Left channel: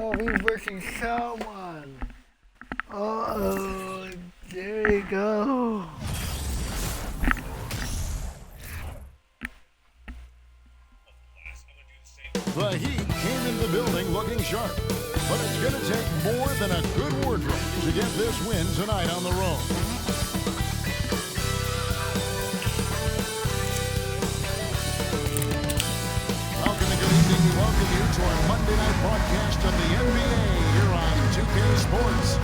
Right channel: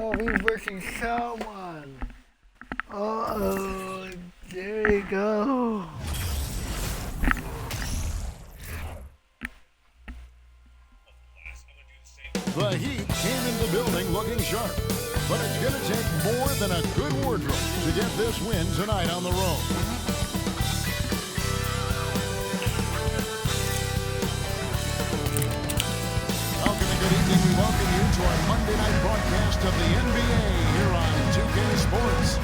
Oh, he's versus someone. Uh-oh, there you go. The Heat came in the building looking sharp, but it's going to take more than a good wardrobe to get this win tonight on the road. Welcome and good evening. We welcome you to our Monday night broadcast of the NBA here on 2K Sports.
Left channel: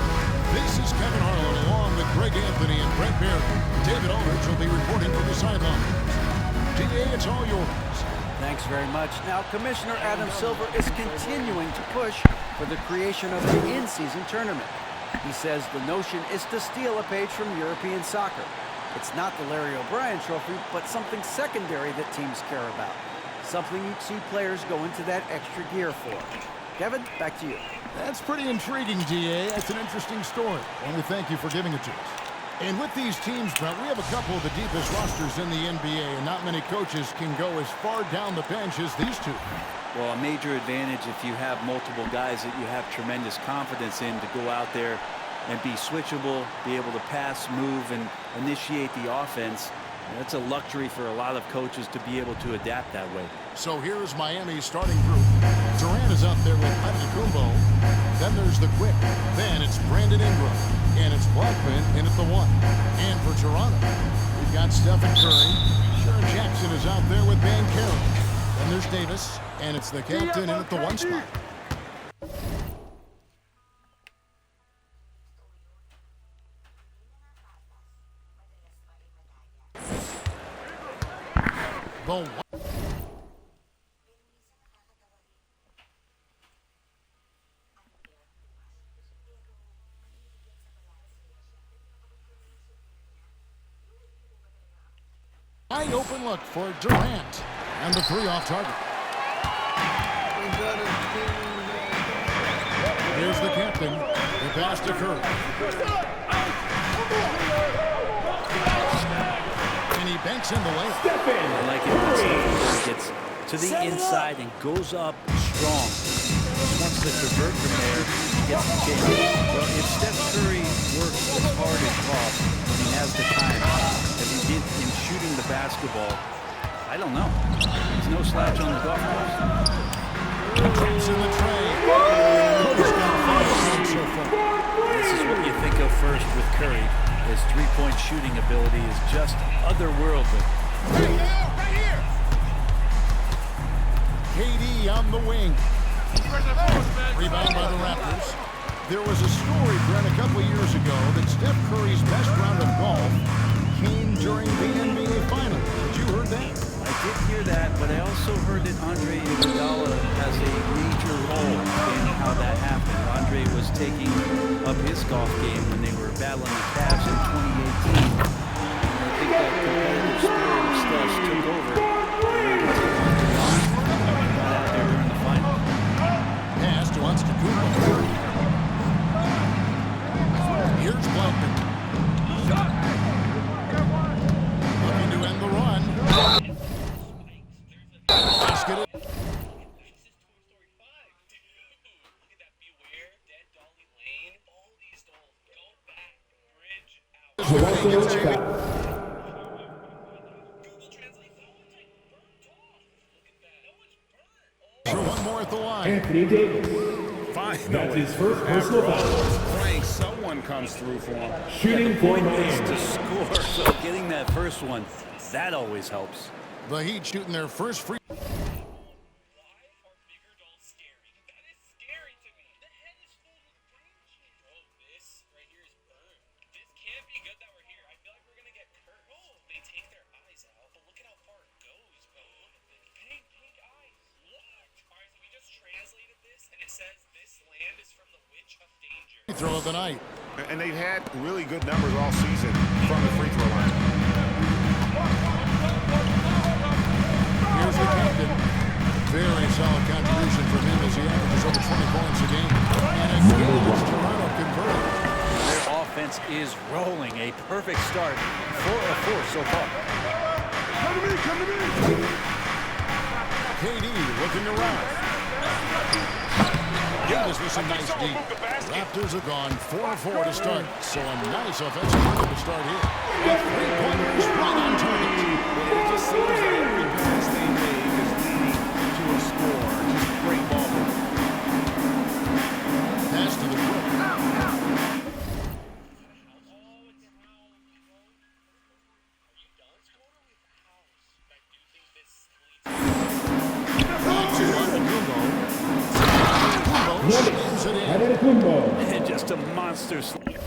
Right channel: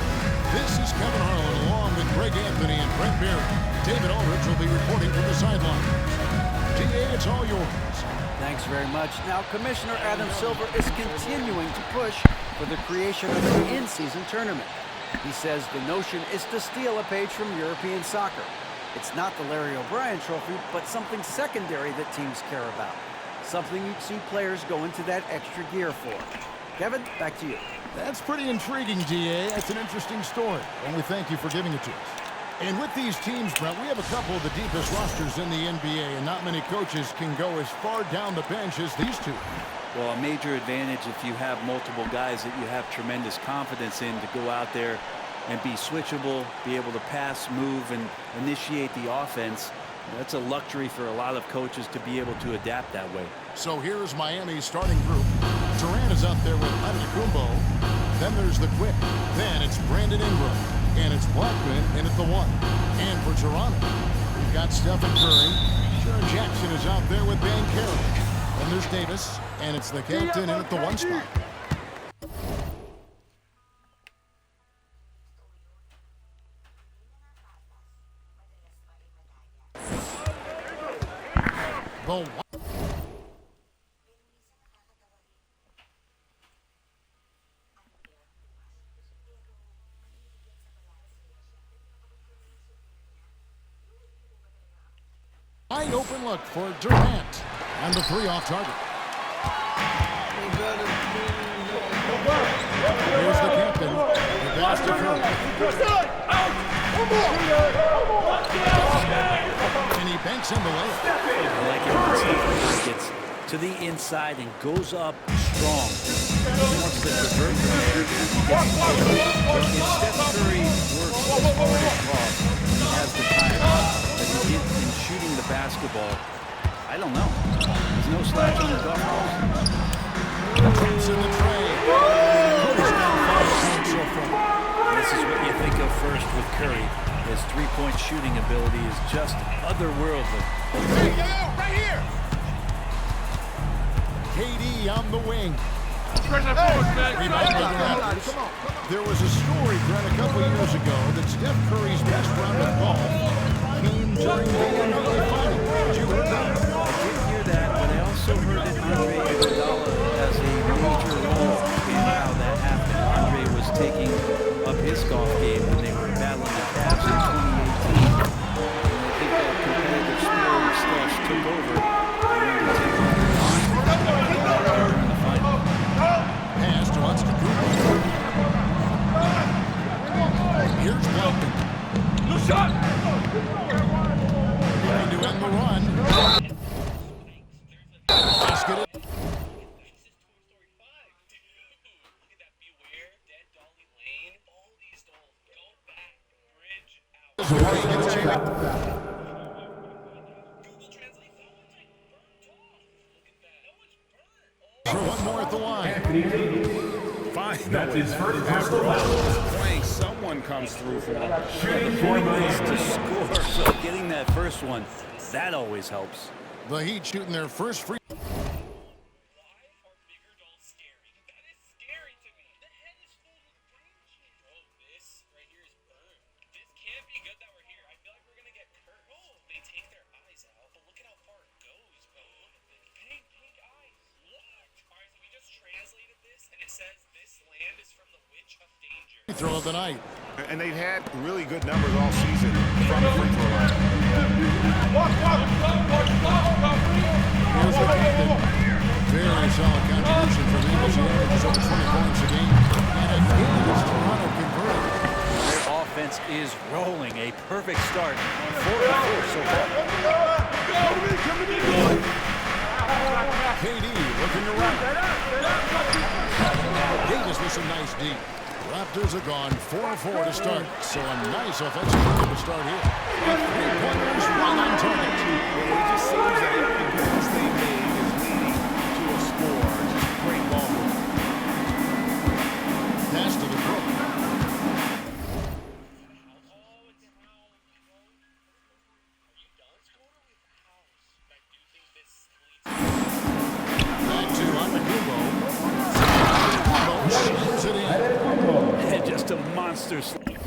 This is Kevin Harlan along with Greg Anthony and Brent Barry. David Aldridge will be reporting from the sidelines. DA, it's all yours. Thanks very much. Now, Commissioner Adam Silver is continuing to push for the creation of an in-season tournament. He says the notion is to steal a page from European soccer. It's not the Larry O'Brien Trophy, but something secondary that teams care about. Something you'd see players go into that extra gear for. Kevin, back to you. That's pretty intriguing, DA. That's an interesting story. And we thank you for giving it to us. And with these teams, Brent, we have a couple of the deepest rosters in the NBA, and not many coaches can go as far down the bench as these two. Well, a major advantage if you have multiple guys that you have tremendous confidence in to go out there and be switchable, be able to pass, move, and initiate the offense. That's a luxury for a lot of coaches to be able to adapt that way. So here's Miami's starting group. Durant is out there with Antetokounmpo. Then there's the Quick. Then it's Brandon Ingram. And it's Blackman in at the 1. And for Toronto, we've got Stephen Curry. Sharon Jackson is out there with Van Carroll. Then there's Davis. And it's the captain in at the 1 spot. The wide open look for Durant. And the 3 off target. Here's the captain. The pass to Curry. And he banks in the layup. I like it when Stephen Curry gets to the inside and goes up strong. He wants to convert from there. He gets the kick. Well, if Steph Curry works as hard as Goff when he has the time as he did in shooting the basketball, I don't know. He's no slouch on the golf course. Taps in the tray. Curry's got 5 points so far. This is what you think of first with Curry. His three-point shooting ability is just otherworldly. Hey, right here! KD on the wing. Rebound by the Raptors. There was a story, Brent, a couple years ago that Steph Curry's best round of golf came during the NBA Finals. Had you heard that? I did hear that, but I also heard that Andre Iguodala has a major role in how that happened. Andre was taking up his golf game when they were battling the Cavs in 2018. And I think that competitive spirit of Steph's took over. They wanted to take Andre on and got out there during the finals. Pass to Antetokounmpo. Here's Blackman. No shot! Looking to end the run. Basket it. For one more at the line. Finally, after all those playing, someone comes through for him. The point is to score, so getting that first one, that always helps. The Heat shooting their first free. Throw of the night. And they've had really good numbers all season from the free throw line. Here's the captain. Very solid contribution from him as he averages over 20 points a game. And again, it's Toronto converted. Their offense is rolling. A perfect start. 4 of 4 so far. Come to me. KD looking around. Davis with some nice deep. Raptors have gone 4-4 to start, so a nice offensive rhythm to start here. With 3-pointers right on target. And it just seems that every pass they make is leading to a score. Just great ball movement. Pass to the Brook. Back to Antetokounmpo. Antetokounmpo slams it in. And just a monster slam.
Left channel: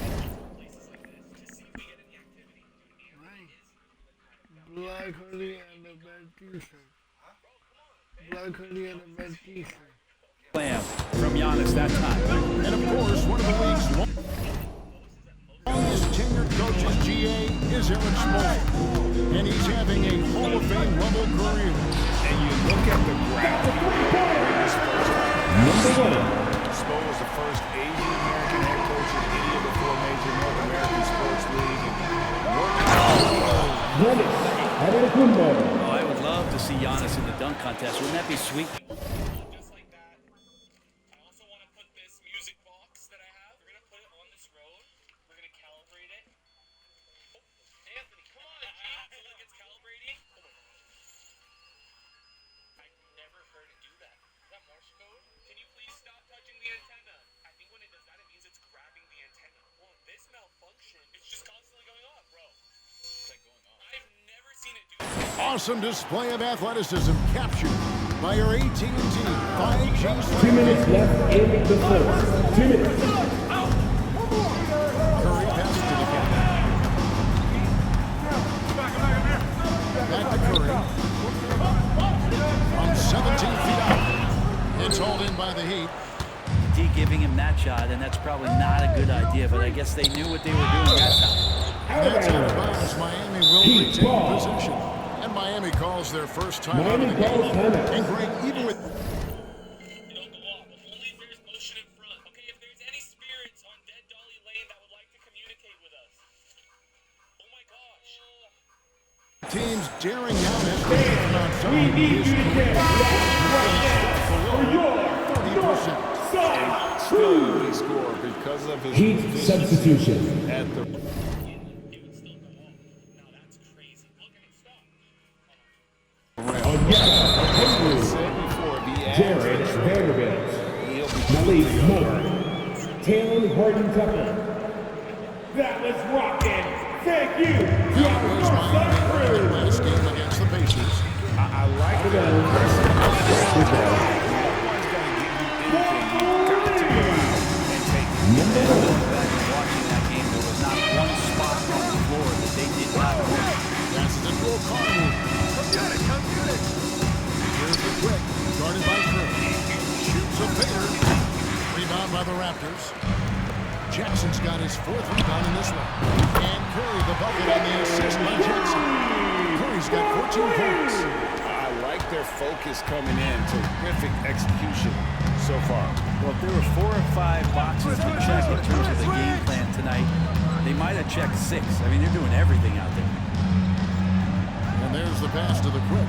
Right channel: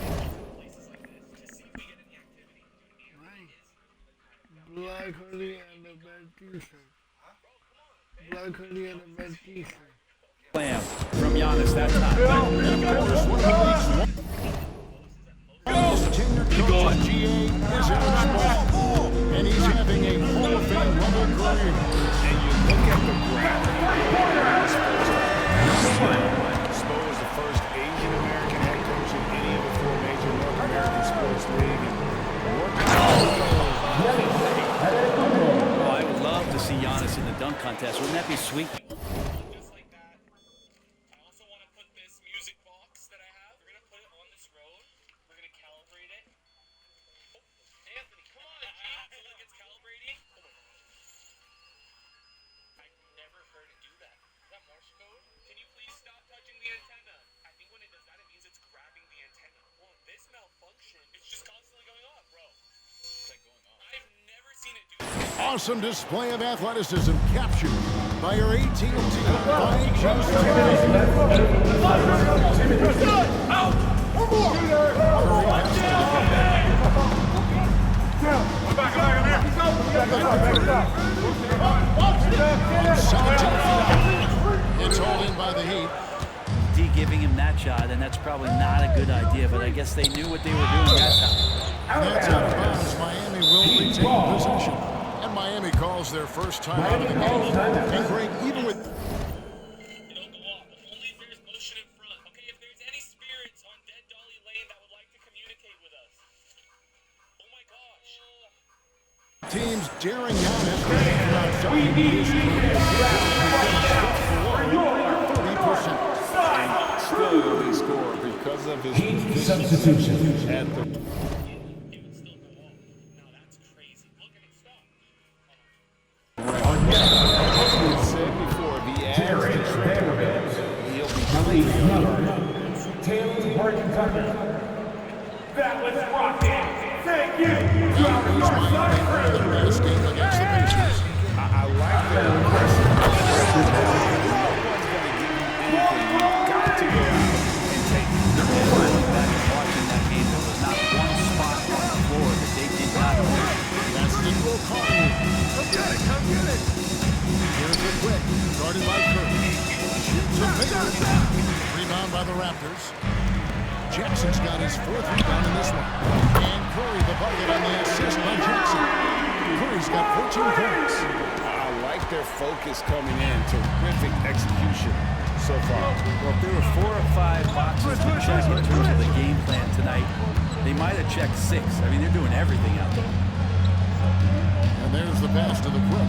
Black hoodie and a red t-shirt. Black hoodie and a red t-shirt. Slam from Giannis that time. And of course, one of the league's longest tenured coaches, GA, is Eric Spoelstra. And he's having a Hall of Fame level career. And you look at the graph he built when he was first hired. Spo was the first Asian American head coach in any of the 4 major North American sports league, and worked. Oh, I would love to see Giannis in the dunk contest. Wouldn't that be sweet? Just like that. I also want to put this music box that I have. We're going to put it on this road. We're going to calibrate it. Oh, Anthony, come on, G. So like it's calibrating. Oh my gosh. I've never heard it do that. Is that Morse code? Can you please stop touching the antenna? I think when it does that, it means it's grabbing the antenna. Well, this malfunction, it's just constantly going off, bro. It's like going off. I've never seen it do that. Awesome display of athleticism captured by your AT&T 5G streaming. Curry passes to the captain. Back to Curry. From 17 feet out. It's hauled in by the Heat. D giving him that shot, and that's probably not a good idea, but I guess they knew what they were doing that time. And that's out of bounds. Miami will retain possession. And Miami calls their first time out of the game. And Greg, even with... You don't go off. Only if there's motion in front. Okay, if there's any spirits on Dead Dolly Lane that would like to communicate with us. Oh my gosh. Teams daring down escalating from outside. His career percent below 30%. And still an elite scorer because of his Heat substitution. at the. It would still go off. Now that's crazy. Look at it stop. As we said before, if he adds the triple, he'll be completely unguarded. Taylor Horton Tucker. That was rocking. Thank you. That was Miami winning their last game against the Pacers. I like their aggressive. No one's going to give you anything. You've got to go out and take it. And going back and watching that game, there was not one spot on the floor that they did not win. Passes it to O'Connell. Come get it, come get it. Here's the quick, guarded by Curry. Shoots a fader. Rebound by the Raptors. Jackson's got his 4th rebound in this one. And Curry the bucket on the assist by Jackson. Curry's got 14 points. I like their focus coming in. Terrific execution so far. Well, if there were 4 or 5 boxes to check in terms of the game plan tonight, they might have checked 6. I mean, they're doing everything out there. And there's the pass to the quick.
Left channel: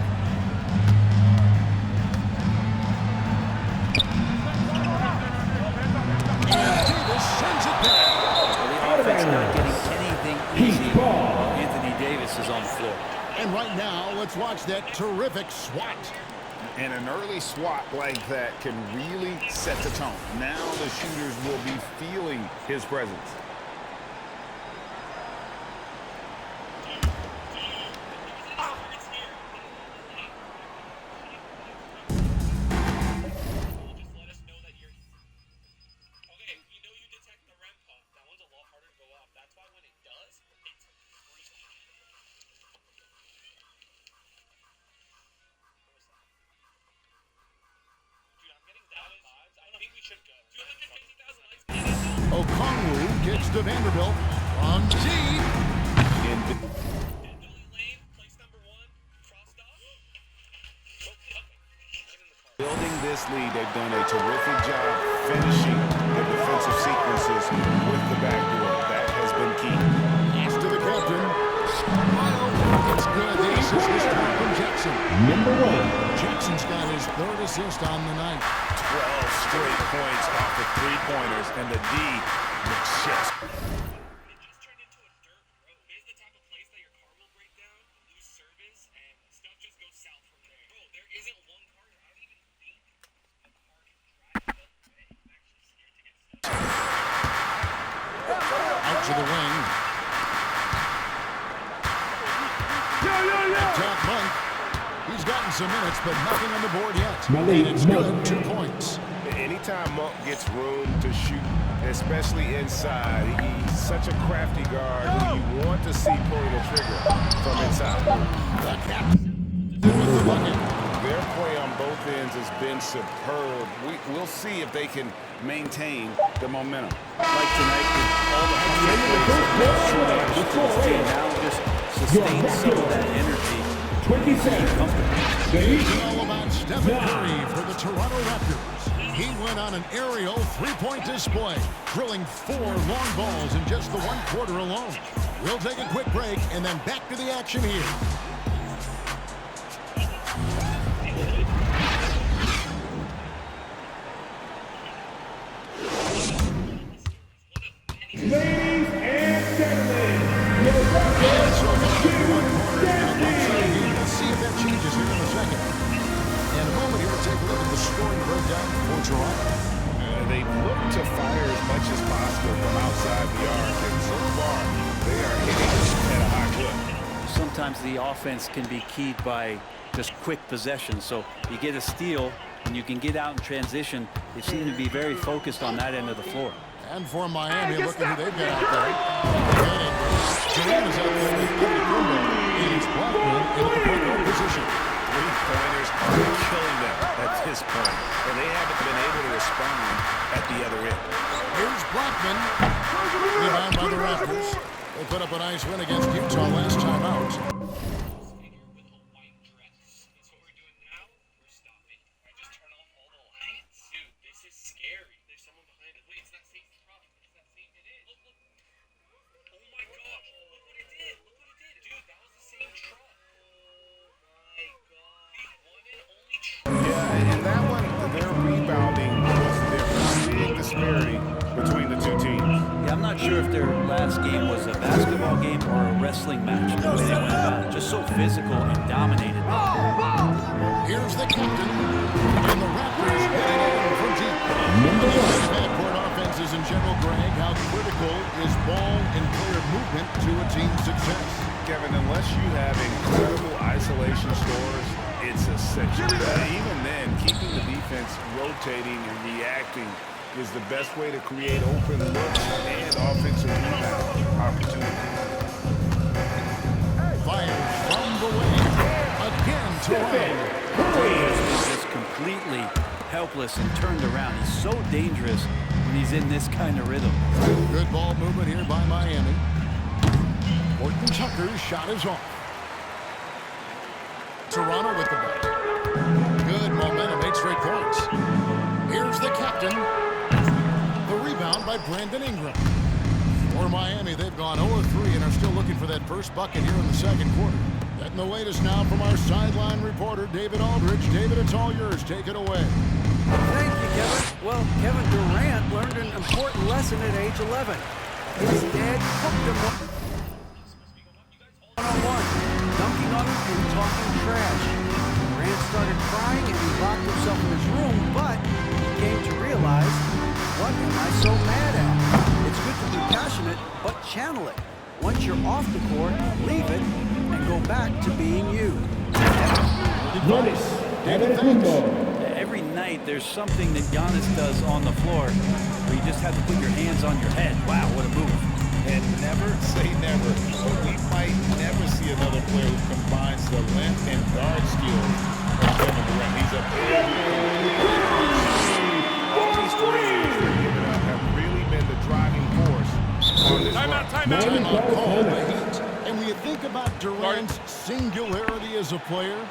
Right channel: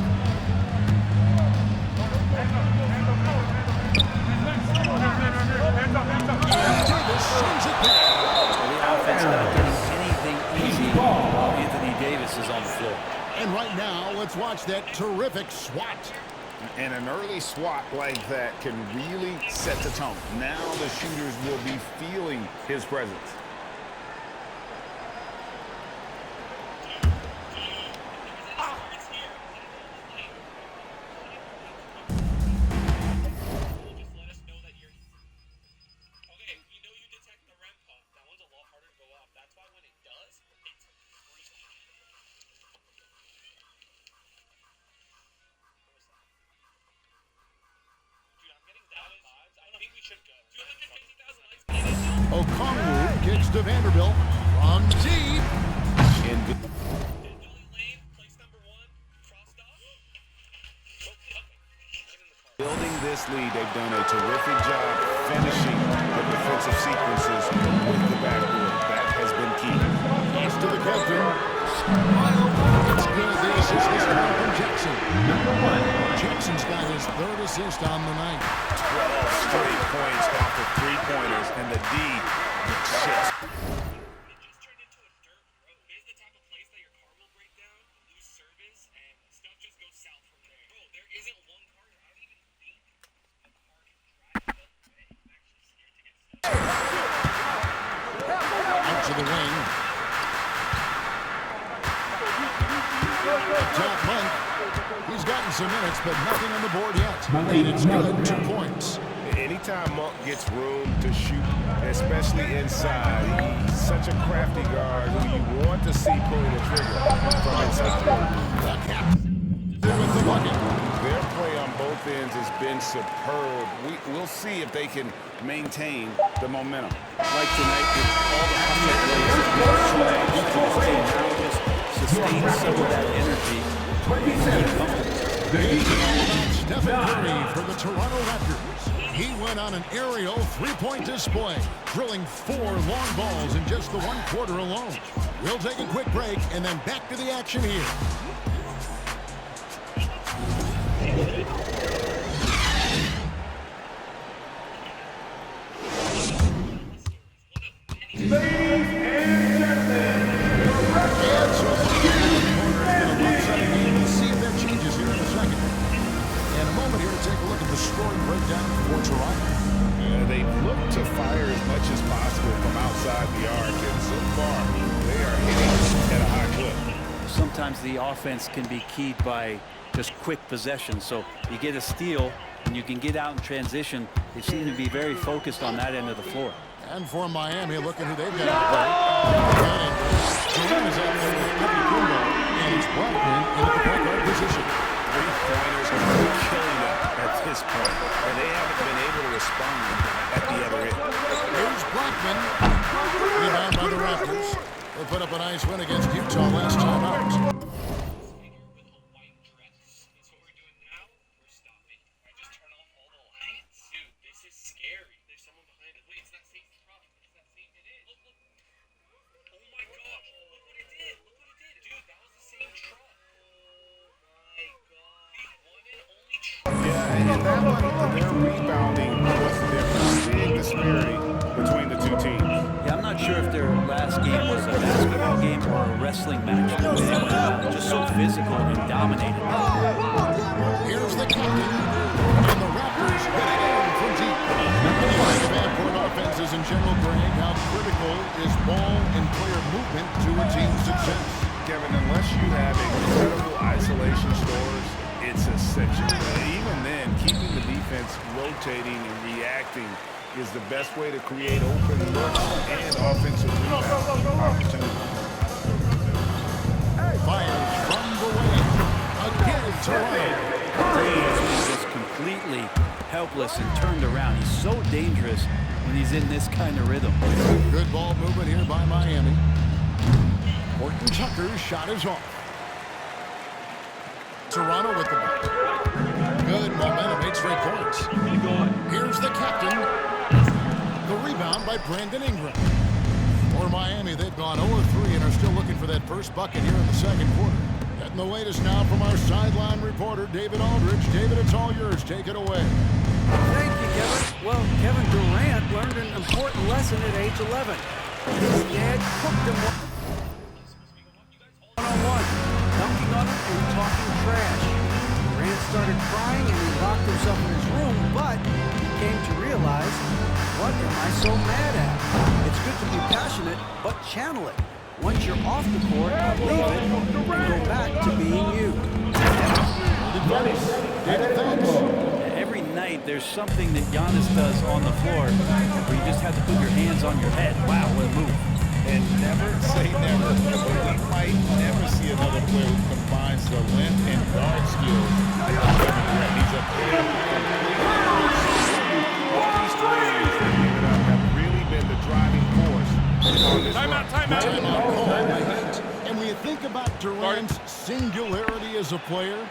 And Davis sends it back. Well, the offense not getting anything easy while Anthony Davis is on the floor. And right now, let's watch that terrific swat. And an early swat like that can really set the tone. Now the shooters will be feeling his presence. Okongwu kicks to Vanderbilt from deep. Building this lead, they've done a terrific job finishing the defensive sequences with the backboard. That has been key. Pass to the captain. It's good. The assist this time from Jackson. Number 1. Jackson's got his third assist on the night. 12 straight points off of three-pointers, and the D looks just. It just turned into a dirt road. It's the type of place that your car will break down, lose service, and stuff just goes south from there. Bro, there isn't one car. I don't even think a car can drive that way. I'm actually scared to get stuck. Out to the wing. Top Monk. He's gotten some minutes, but nothing on the board yet. And it's good, 2 points. Anytime Monk gets room to shoot, especially inside, he's such a crafty guard who you want to see pulling the trigger from inside. The captain with the bucket. Their play on both ends has been superb. We'll see if they can maintain the momentum. Like tonight, with all the hustle plays that meant so much to this team, now just sustain some of that energy and keep comfortable. You know about Stephen Curry for the Toronto Raptors. He went on an aerial three-point display, drilling 4 long balls in just the 1 quarter alone. We'll take a quick break and then back to the action here. Ladies and gentlemen, And so far, the corner has been a lopsided game. We'll see if that changes here in a second. In a moment here to take a look at the scoring breakdown for Toronto. They've looked to fire as much as possible from outside the arc, and so far, they are hitting at a high clip. Sometimes the offense can be keyed by just quick possession. So you get a steal and you can get out in transition. They seem to be very focused on that end of the floor. And for Miami, look at who they've got out there. Durant is out there with Kumbo, and it's Blackman in at the point guard position. Three-pointers are killing them at this point, and they haven't been able to respond at the other end. Here's Blackman. Rebound by the Raptors. They put up a nice win against Utah last time out. With a white dress. That's what we're doing now. We're stopping. I just turn off all the lights. Dude, this is scary. There's someone behind us. Wait, it's not safe. Problem. It's not safe. It is. Look, look. Oh my gosh. Look what it did. Look what it did. Dude, that was the same truck. Oh my god. The one and only truck. Yeah, and that one, their rebounding was the difference. Big disparity between the two teams. Yeah, I'm not sure if their last game was a basketball game or a wrestling match. The way they went about it, just so physical and dominated. Here's the captain, and the Raptors hitting in from deep. When you think of half-court offenses in general, Greg, how critical is ball and player movement to a team's success? Kevin, unless you have incredible isolation stores, it's essential. Even then, keeping the defense rotating and reacting is the best way to create open looks and offensive rebound opportunities. Fires from the wing. Again, Toronto. He has been just completely helpless and turned around. He's so dangerous when he's in this kind of rhythm. Good ball movement here by Miami. Horton Tucker's shot is off. Toronto with the ball. Good momentum, 8 straight points. Here's the captain. The rebound by Brandon Ingram. For Miami, they've gone 0-3 and are still looking for that first bucket here in the second quarter. Getting the latest now from our sideline reporter, David Aldridge. David, it's all yours. Take it away. Thank you, Kevin. Well, Kevin Durant learned an important lesson at age 11. His dad cooked him one-on-one, dunking on him and talking trash. Durant started crying and he locked himself in his room, but he came to realize, what am I so mad at? It's good to be passionate, but channel it. Once you're off the court, leave it and go back to being you. Advice. David, thanks. Every night there's something that Giannis does on the floor where you just have to put your hands on your head. Wow, what a move. And never say never, but we might never see another player who combines the length and guard skills of Kevin Durant. He's a player who completely all these threes they're giving up have really been the driving force on this run. Timeout call the Heat. And when you think about Durant's singularity as a player,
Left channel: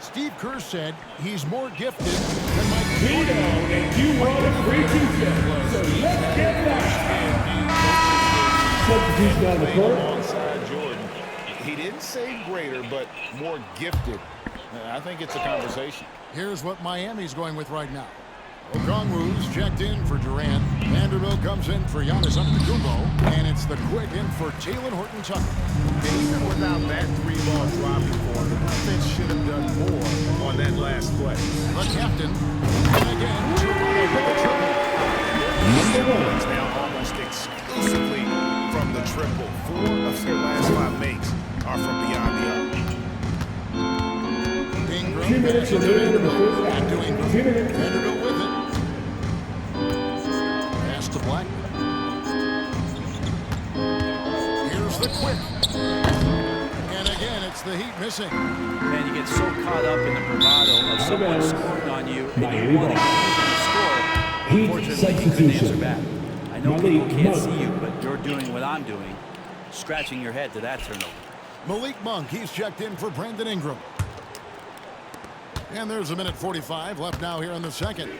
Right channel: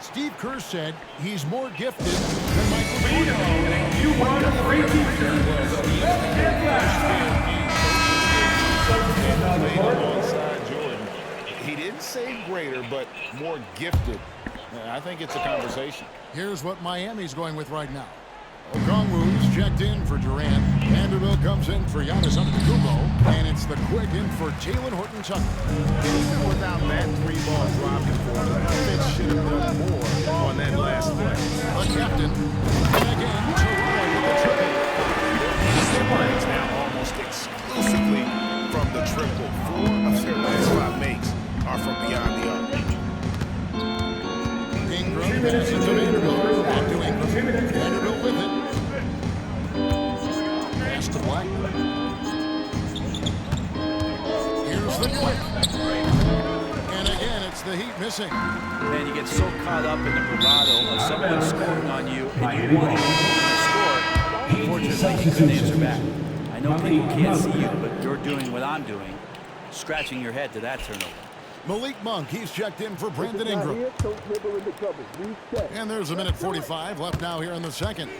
Steve Kerr said he's more gifted than Michael Jordan. You run a free two. Substitution on the court. alongside Jordan. He didn't say greater, but more gifted. I think it's a conversation. Here's what Miami's going with right now. Okongwu's checked in for Durant. Vanderbilt comes in for Giannis Antetokounmpo. And it's the quick in for Jalen Horton-Tucker. And even without that 3-ball dropping for him, the defense should have done more on that last play. The captain. And again, Toronto with the triple. Their points now almost exclusively from the triple. 4 of their last 5 makes are from beyond the arc. Ingram passes to Vanderbilt. Back to Ingram. Vanderbilt with it. Pass to Blackman. Here's the quick. And again, it's the Heat missing. Man, you get so caught up in the bravado of someone scoring on you and you want to keep them to score. Unfortunately, he couldn't answer back. I know people can't see you, but you're doing what I'm doing, scratching your head to that turnover. Malik Monk, he's checked in for Brandon Ingram. And there's a minute 45 left now here in the second.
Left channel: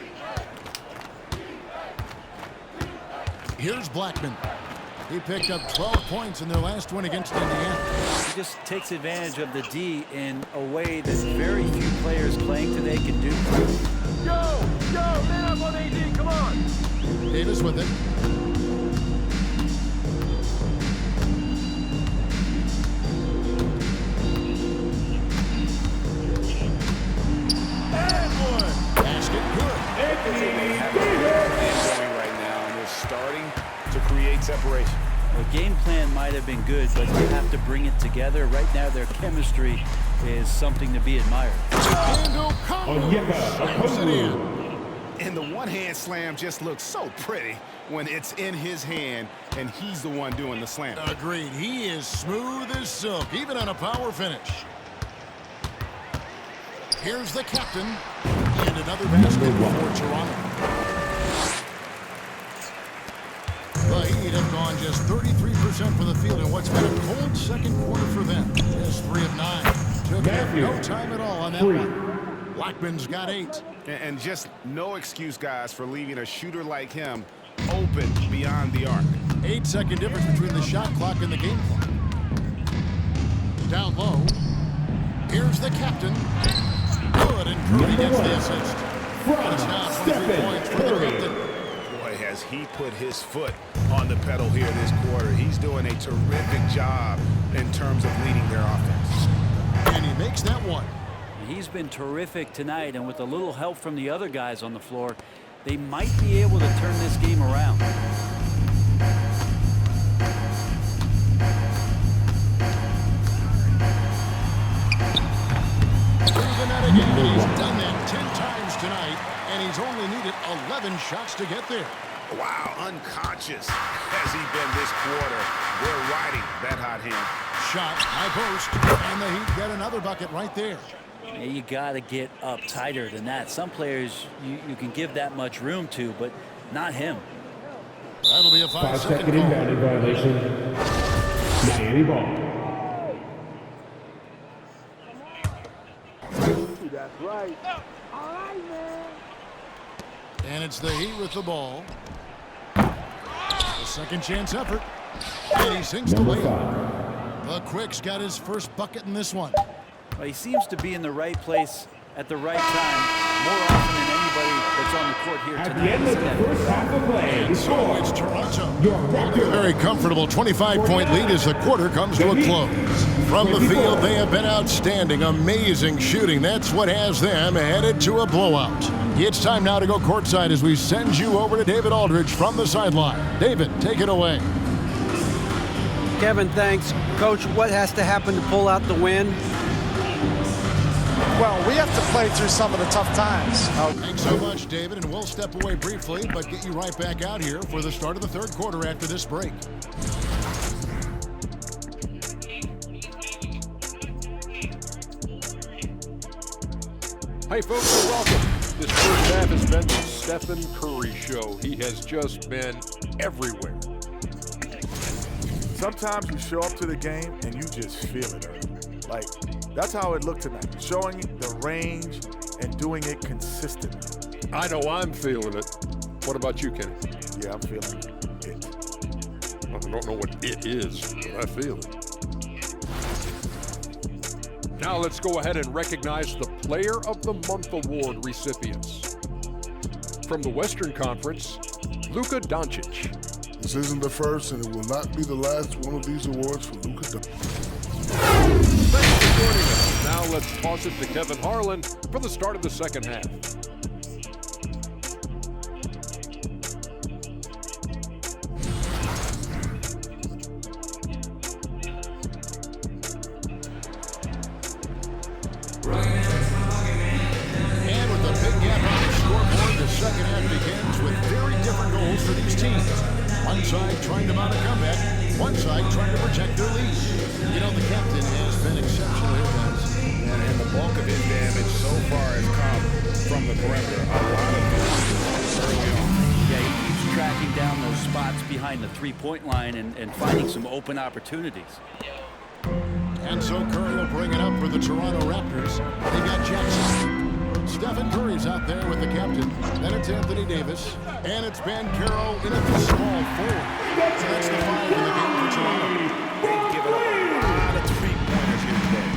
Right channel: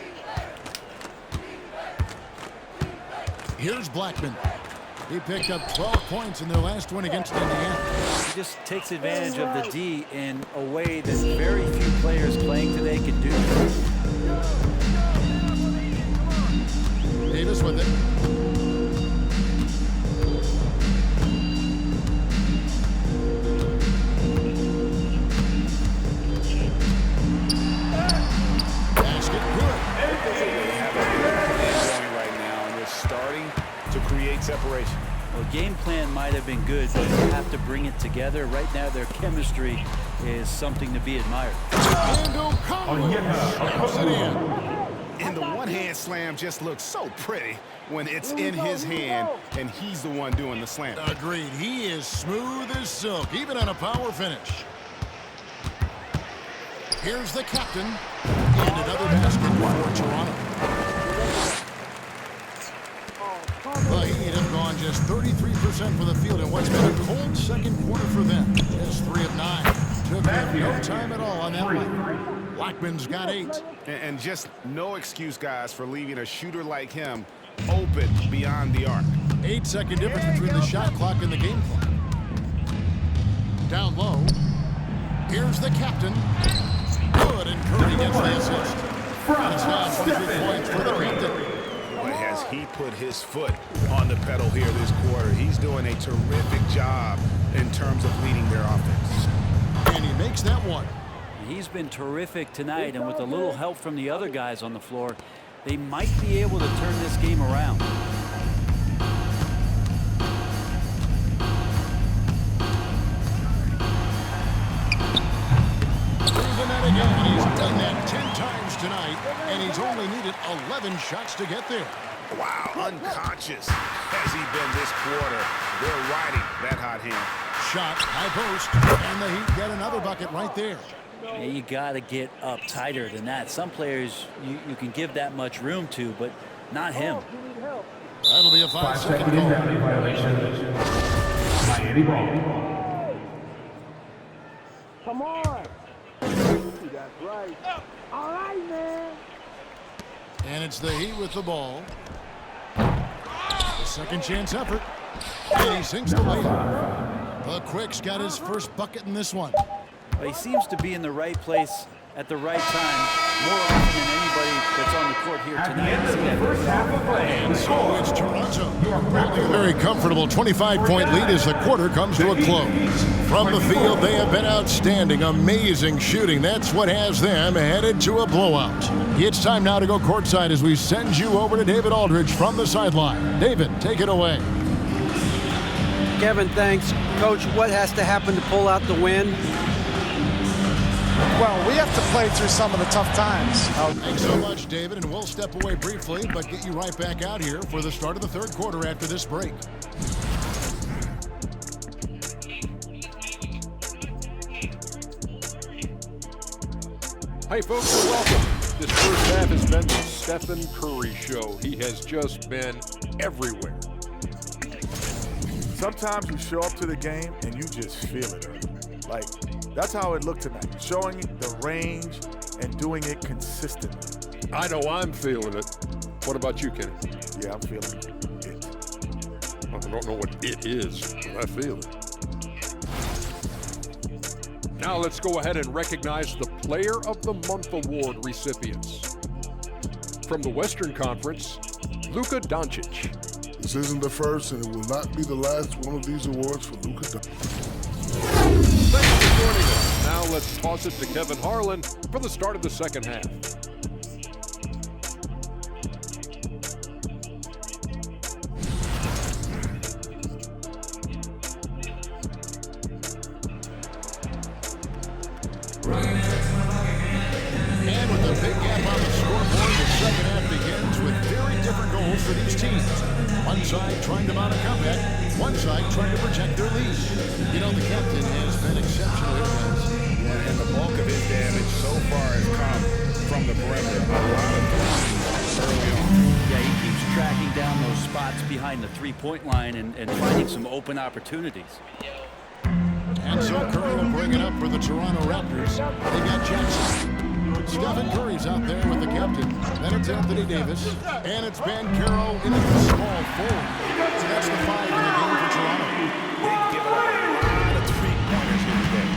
Here's Blackman. He picked up 12 points in their last win against Indiana. He just takes advantage of the D in a way that very few players playing today can do. Yo, man up on AD, come on. Davis with it. Basket good. They have a good plan going right now, and they're starting to create separation. Well, game plan might have been good, but you have to bring it together. Right now, their chemistry is something to be admired. And Okongwu slams it in. And the one-hand slam just looks so pretty when it's in his hand, and he's the one doing the slam. Agreed. He is smooth as silk, even on a power finish. Here's the captain. And another basket for Toronto. The Heat have gone just 33% for the field in what's been a cold second quarter for them. Just 3 of 9. Took them no time at all on that one. Blackman's got 8. And just no excuse, guys, for leaving a shooter like him open beyond the arc. 8-second difference between the shot clock and the game clock. Down low. Here's the captain. Good, and Curry gets the assist. And it's now 23 points for the captain. Boy, has he put his foot on the pedal here this quarter. He's doing a terrific job in terms of leading their offense. And he makes that one. He's been terrific tonight, and with a little help from the other guys on the floor, they might be able to turn this game around. Through the net again, and he's done that 10 times tonight, and he's only needed 11 shots to get there. Wow, unconscious has he been this quarter. They're riding that hot hand. Shot, high post, and the Heat get another bucket right there. Yeah, you got to get up tighter than that. Some players you can give that much room to, but not him. That'll be a 5-second call. Inbounding violation. Miami ball. Come on. That's right. All right, man. And it's the Heat with the ball. The second chance effort. And he sinks the layup. The Quick's got his first bucket in this one. Well, he seems to be in the right place at the right time more often than anybody that's on the court here At the tonight. end of the first half of play, And so it's Toronto. Holding A very comfortable 25-point lead as the quarter comes to a close. From the field, they have been outstanding. Amazing shooting. That's what has them headed to a blowout. It's time now to go courtside as we send you over to David Aldridge from the sideline. David, take it away. Kevin, thanks. Coach, what has to happen to pull out the win? Well, we have to play through some of the tough times. Thanks so much, David, and we'll step away briefly, but get you right back out here for the start of the third quarter after this break. Hey, folks, and welcome. This first half has been the Stephen Curry show. He has just been everywhere. Sometimes you show up to the game and you just feel it early. Like, that's how it looked tonight. Showing the range and doing it consistently. I know I'm feeling it. What about you, Kenny? Yeah, I'm feeling it. I don't know what it is, but I feel it. Now let's go ahead and recognize the Player of the Month Award recipients. From the Western Conference, Luka Doncic. This isn't the first, and it will not be the last one of these awards for Luka Doncic. Thanks for joining us. Now let's toss it to Kevin Harlan for the start of the second half. And with a big gap on the scoreboard, the second half begins with very different goals for these teams. One side trying to mount a comeback, one side trying to protect their lead. You know, the captain has been exceptional here, guys. And the bulk of his damage so far has come from the perimeter. A lot of threes early on. Yeah, he keeps tracking down those spots behind the three-point line and finding some open opportunities. And so Curry will bring it up for the Toronto Raptors. They got Jackson. Stephen Curry's out there with the captain. Then it's Anthony Davis. And it's Banchero in at the small forward. So that's the 5 in the game for Toronto. They've given up a lot of three-pointers here today.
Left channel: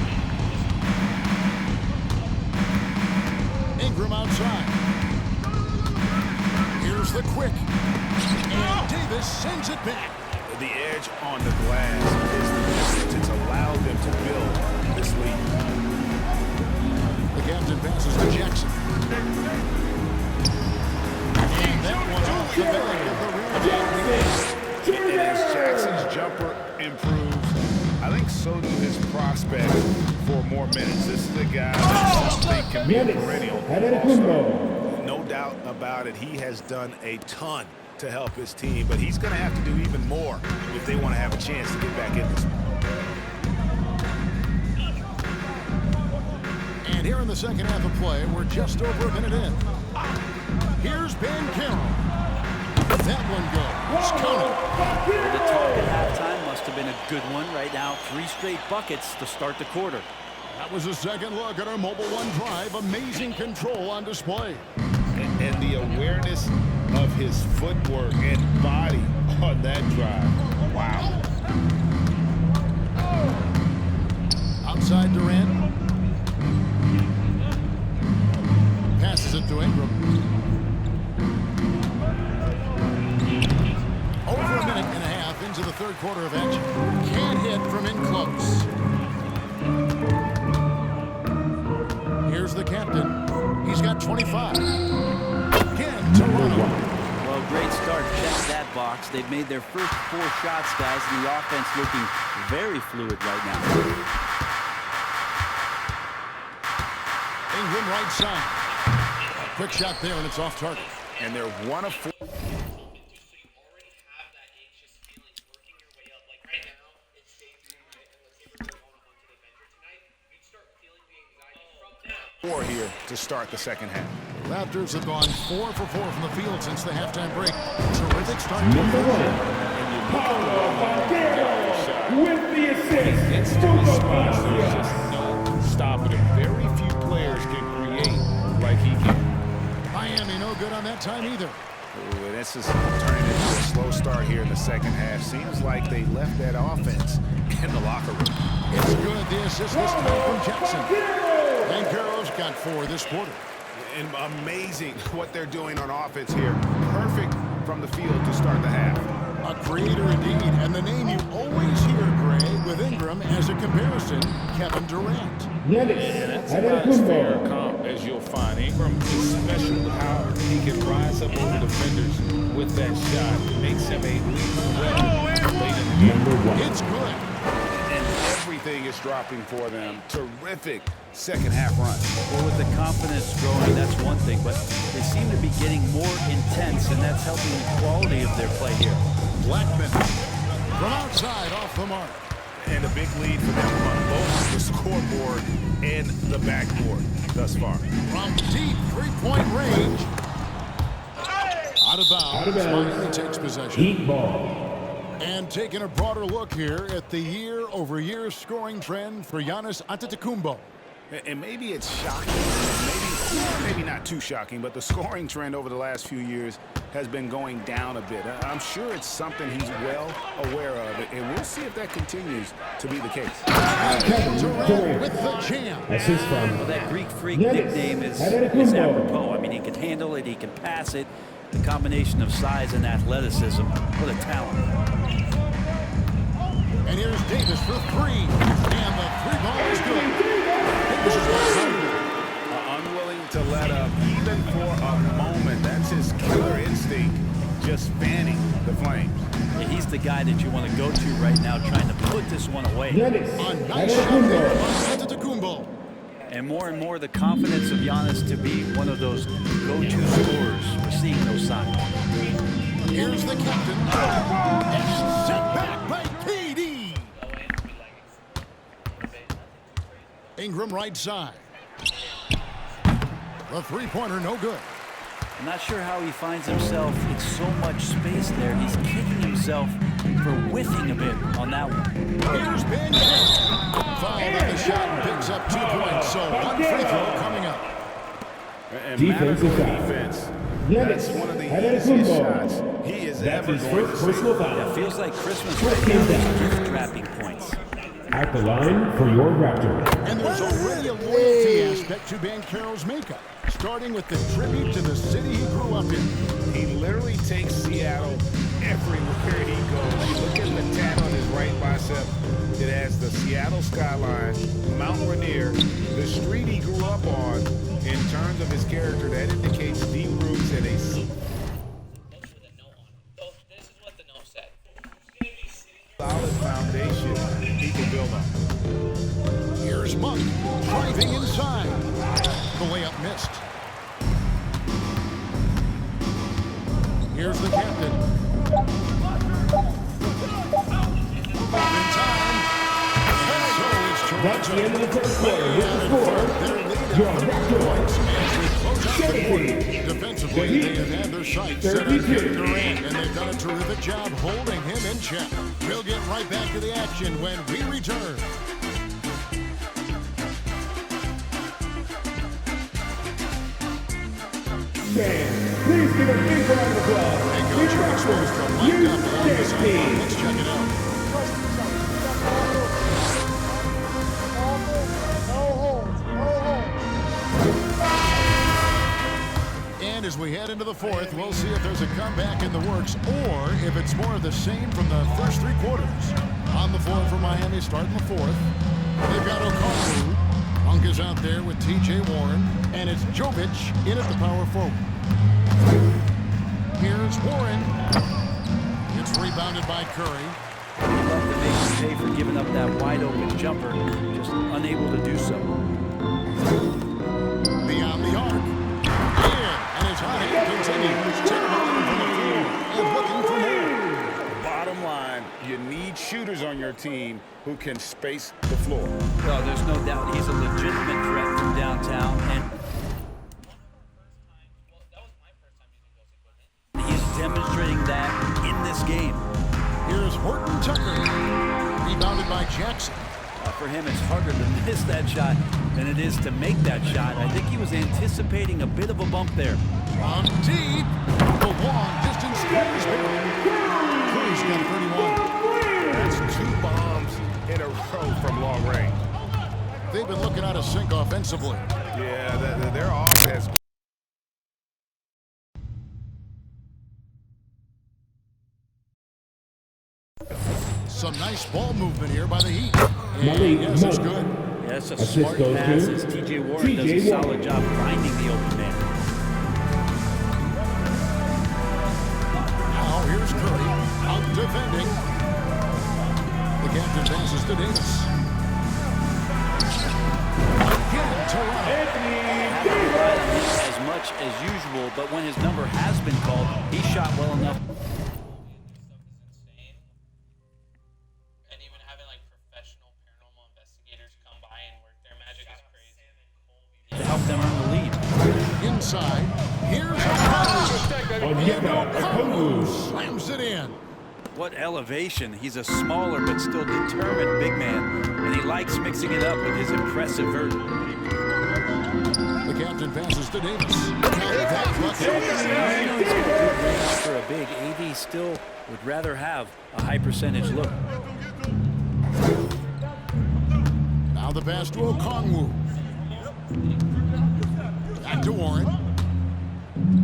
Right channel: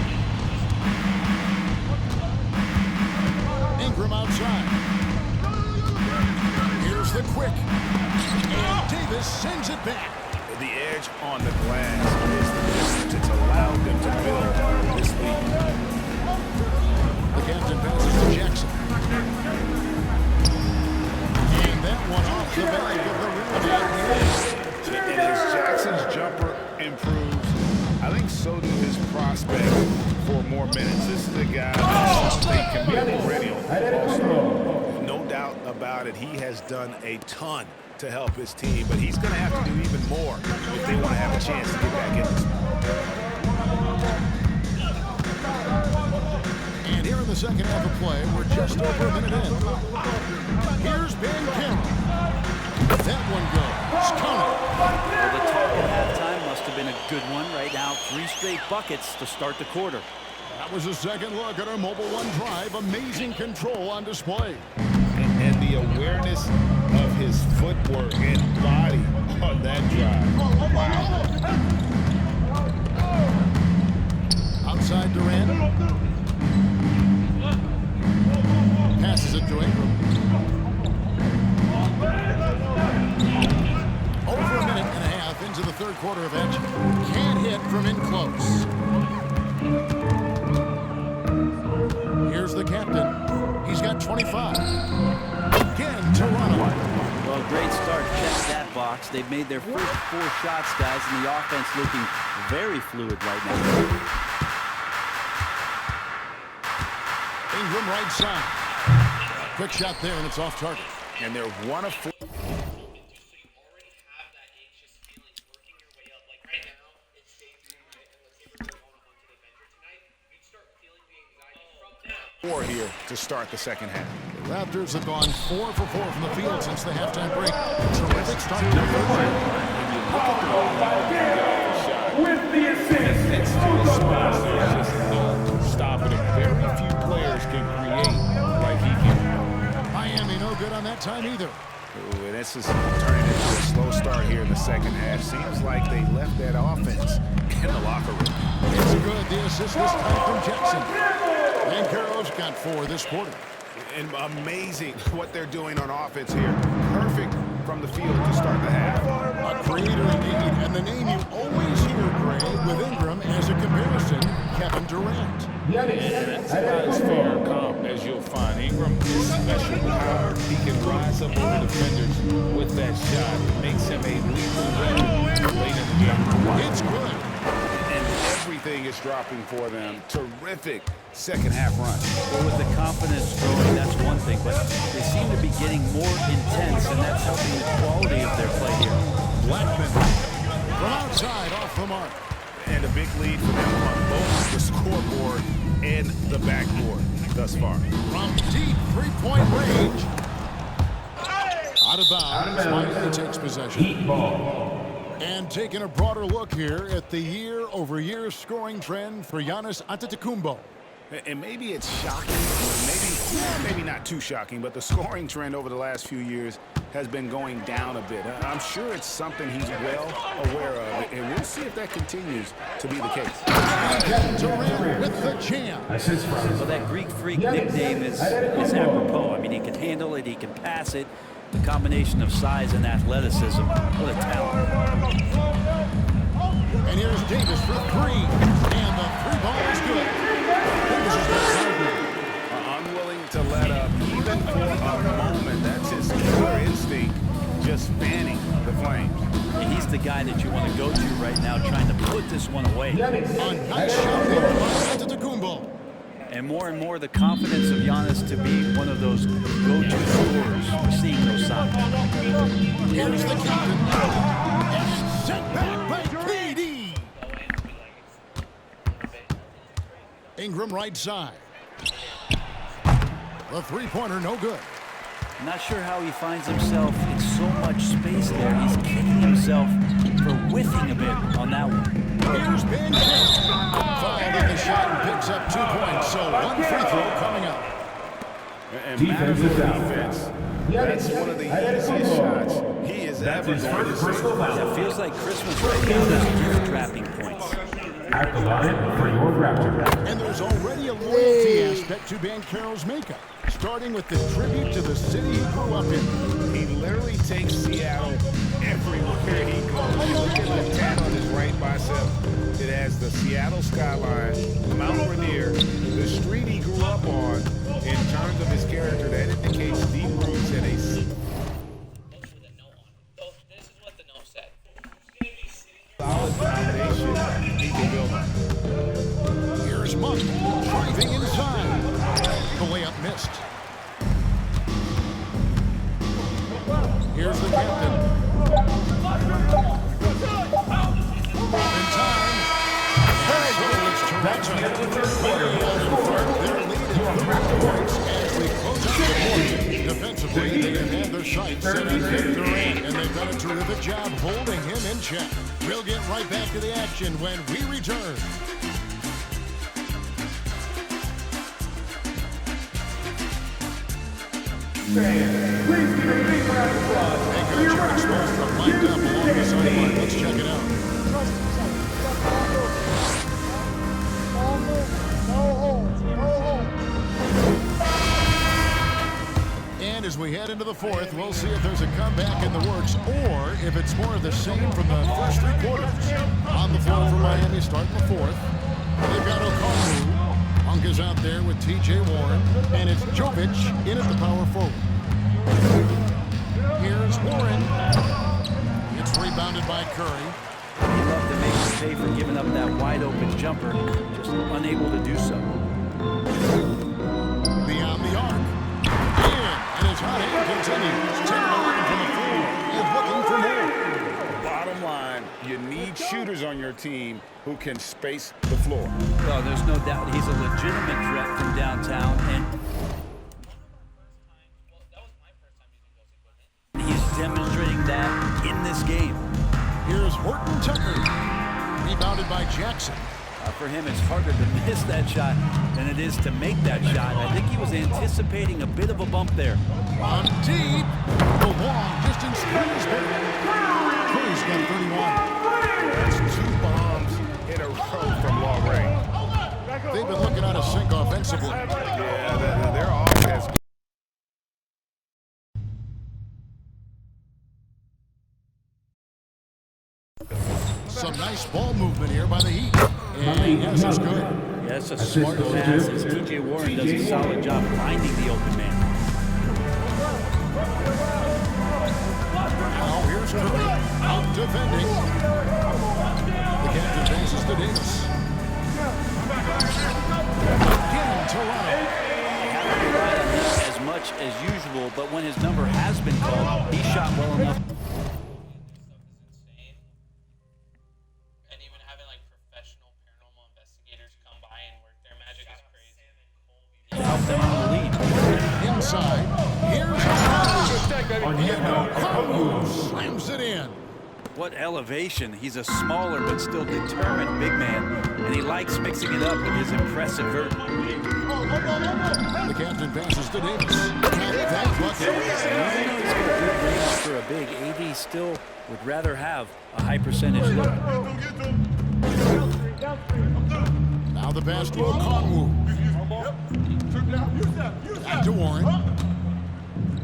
Ingram outside. Here's the quick. And Davis sends it back. The edge on the glass is the difference. It's allowed them to build this lead. The captain passes to Jackson. And that one off the back of the rim. And as Jackson's jumper improves, I think so do his prospects for more minutes. This is a guy that I think can be a perennial all-star. No doubt about it. He has done a ton to help his team, but he's going to have to do even more if they want to have a chance to get back in this. And here in the second half of play, we're just over a minute in. Here's Banchero. That one goes. Count it. Well, the talk at halftime must have been a good one. Right now, 3 straight buckets to start the quarter. That was a second look at our Mobile One drive. Amazing control on display. And the awareness of his footwork and body on that drive. Wow. Outside Durant. Passes it to Ingram. Over a minute and a half into the third quarter of action. Can't hit from in close. Here's the captain. He's got 25. Again, Toronto. Well, great start. Check that box. They've made their first 4 shots, guys, and the offense looking very fluid right now. Ingram right side. A quick shot there, and it's off target. And they're 1 of 4. Here to start the second half. The Raptors have gone 4 for 4 from the field since the halftime break. Terrific start to the third quarter. When you look at the way Ingram can get off the shot, with the assist. when he gets to his spots, there's just no stopping him. Very few players can create like he can. Miami no good on that time either. Ooh, and this is turning into a slow start here in the second half. Seems like they left that offense in the locker room. It's good. The assist this time from Jackson. Banchero's got 4 this quarter. And amazing what they're doing on offense here. Perfect from the field to start the half. A creator indeed, and the name you always hear, Greg, with Ingram as a comparison, Kevin Durant. And that's about as fair a comp as you'll find. Ingram is special with how he can rise up over defenders with that shot. It makes him a lethal weapon late in the game. It's good. And everything is dropping for them. Terrific second half run. Well, with the confidence growing, that's one thing, but they seem to be getting more intense, and that's helping the quality of their play here. Blackman from outside off the mark. And a big lead for them on both the scoreboard and the backboard thus far. From deep three-point range. Out of bounds. Miami takes possession. Heat ball. And taking a broader look here at the year-over-year scoring trend for Giannis Antetokounmpo. And maybe it's shocking, maybe not too shocking, but the scoring trend over the last few years has been going down a bit. I'm sure it's something he's well aware of, and we'll see if that continues to be the case. Durant with the jam. Well, that Greek Freak nickname is apropos. I mean, he can handle it, he can pass it. The combination of size and athleticism, what a talent. And here's Davis for three. And the three ball is good. Davis is got Gardner. Unwilling to let up even for a moment. That's his killer instinct, just fanning the flames. Yeah, he's the guy that you want to go to right now, trying to put this one away. A nice shot there by Antetokounmpo. And more the confidence of Giannis to be one of those go-to scorers. We're seeing those signs. Here's the captain. And it's sent back by KD. Ingram right side. The three-pointer no good. Not sure how he finds himself in so much space there. He's kicking himself for whiffing a bit on that one. Here's Ben King. Fouled on the shot and picks up 2 points. So one free throw coming up. And Matador defense. That's one of the easiest shots he is ever going to see. Yeah, feels like Christmas right now. There's gift wrapping points. At the line for your Raptor. And there's already a loyalty aspect to Banchero's makeup, starting with the tribute to the city he grew up in. He literally takes Seattle everywhere he goes. You look at the tat on his right bicep. It has the Seattle skyline, Mount Rainier, the street he grew up on. In terms of his character, that indicates deep roots and a... solid foundation he can build on. Here's Monk driving inside. The layup missed. Here's the captain. In time. And so it's Toronto. Way out in front. Their lead at 30 points as we close out the quarter. Defensively, they have had their sights set on Kevin Durant, and they've done a terrific job holding him in check. We'll get right back to the action when we return. Please give a big round of applause. Hey, Coach, you're exposed from lined up along the sideline. Let's check it out. Trust each other. You got ball movement. No holds. No holds. And as we head into the fourth, we'll see if there's a comeback in the works or if it's more of the same from the first three quarters. On the floor for Miami starting the fourth. They've got Okongwu. Monk is out there with T.J. Warren. And it's Jovic in at the power forward. Here's Warren. It's rebounded by Curry. He loved to make him pay for giving up that wide-open jumper, just unable to do so. Beyond the arc. And his hot hand continues. 10 of 11 from the floor and looking for more. Bottom line, you need shooters on your team who can space the floor. Well, there's no doubt he's a legitimate threat from downtown, and he's demonstrating that in this game. Here's Horton Tucker. Rebounded by Jackson. For him, it's harder to miss that shot than it is to make that shot. I think he was anticipating a bit of a bump there. On deep. The long distance three is there. Curry's got 31. That's 2 bombs in a row from long range. They've been looking out of sync offensively. Yeah, their offense. Some nice ball movement here by the Heat. And yes, it's good. Yeah, that's a smart pass as T.J. Warren does a solid job finding the open man. Now here's Curry out defending. The captain passes to Davis. Again, Toronto. Haven't relied on him as much as usual, but when his number has been called, he shot well enough. To help them on the lead. Inside, here's Okongwu slams it in. What elevation. He's a smaller but still determined big man, and he likes mixing it up with his impressive vert. The captain passes to Davis. Count that bucket. Even though he's got good range for a big, AD still would rather have a high percentage look. Now the pass to Okongwu. Back to Warren.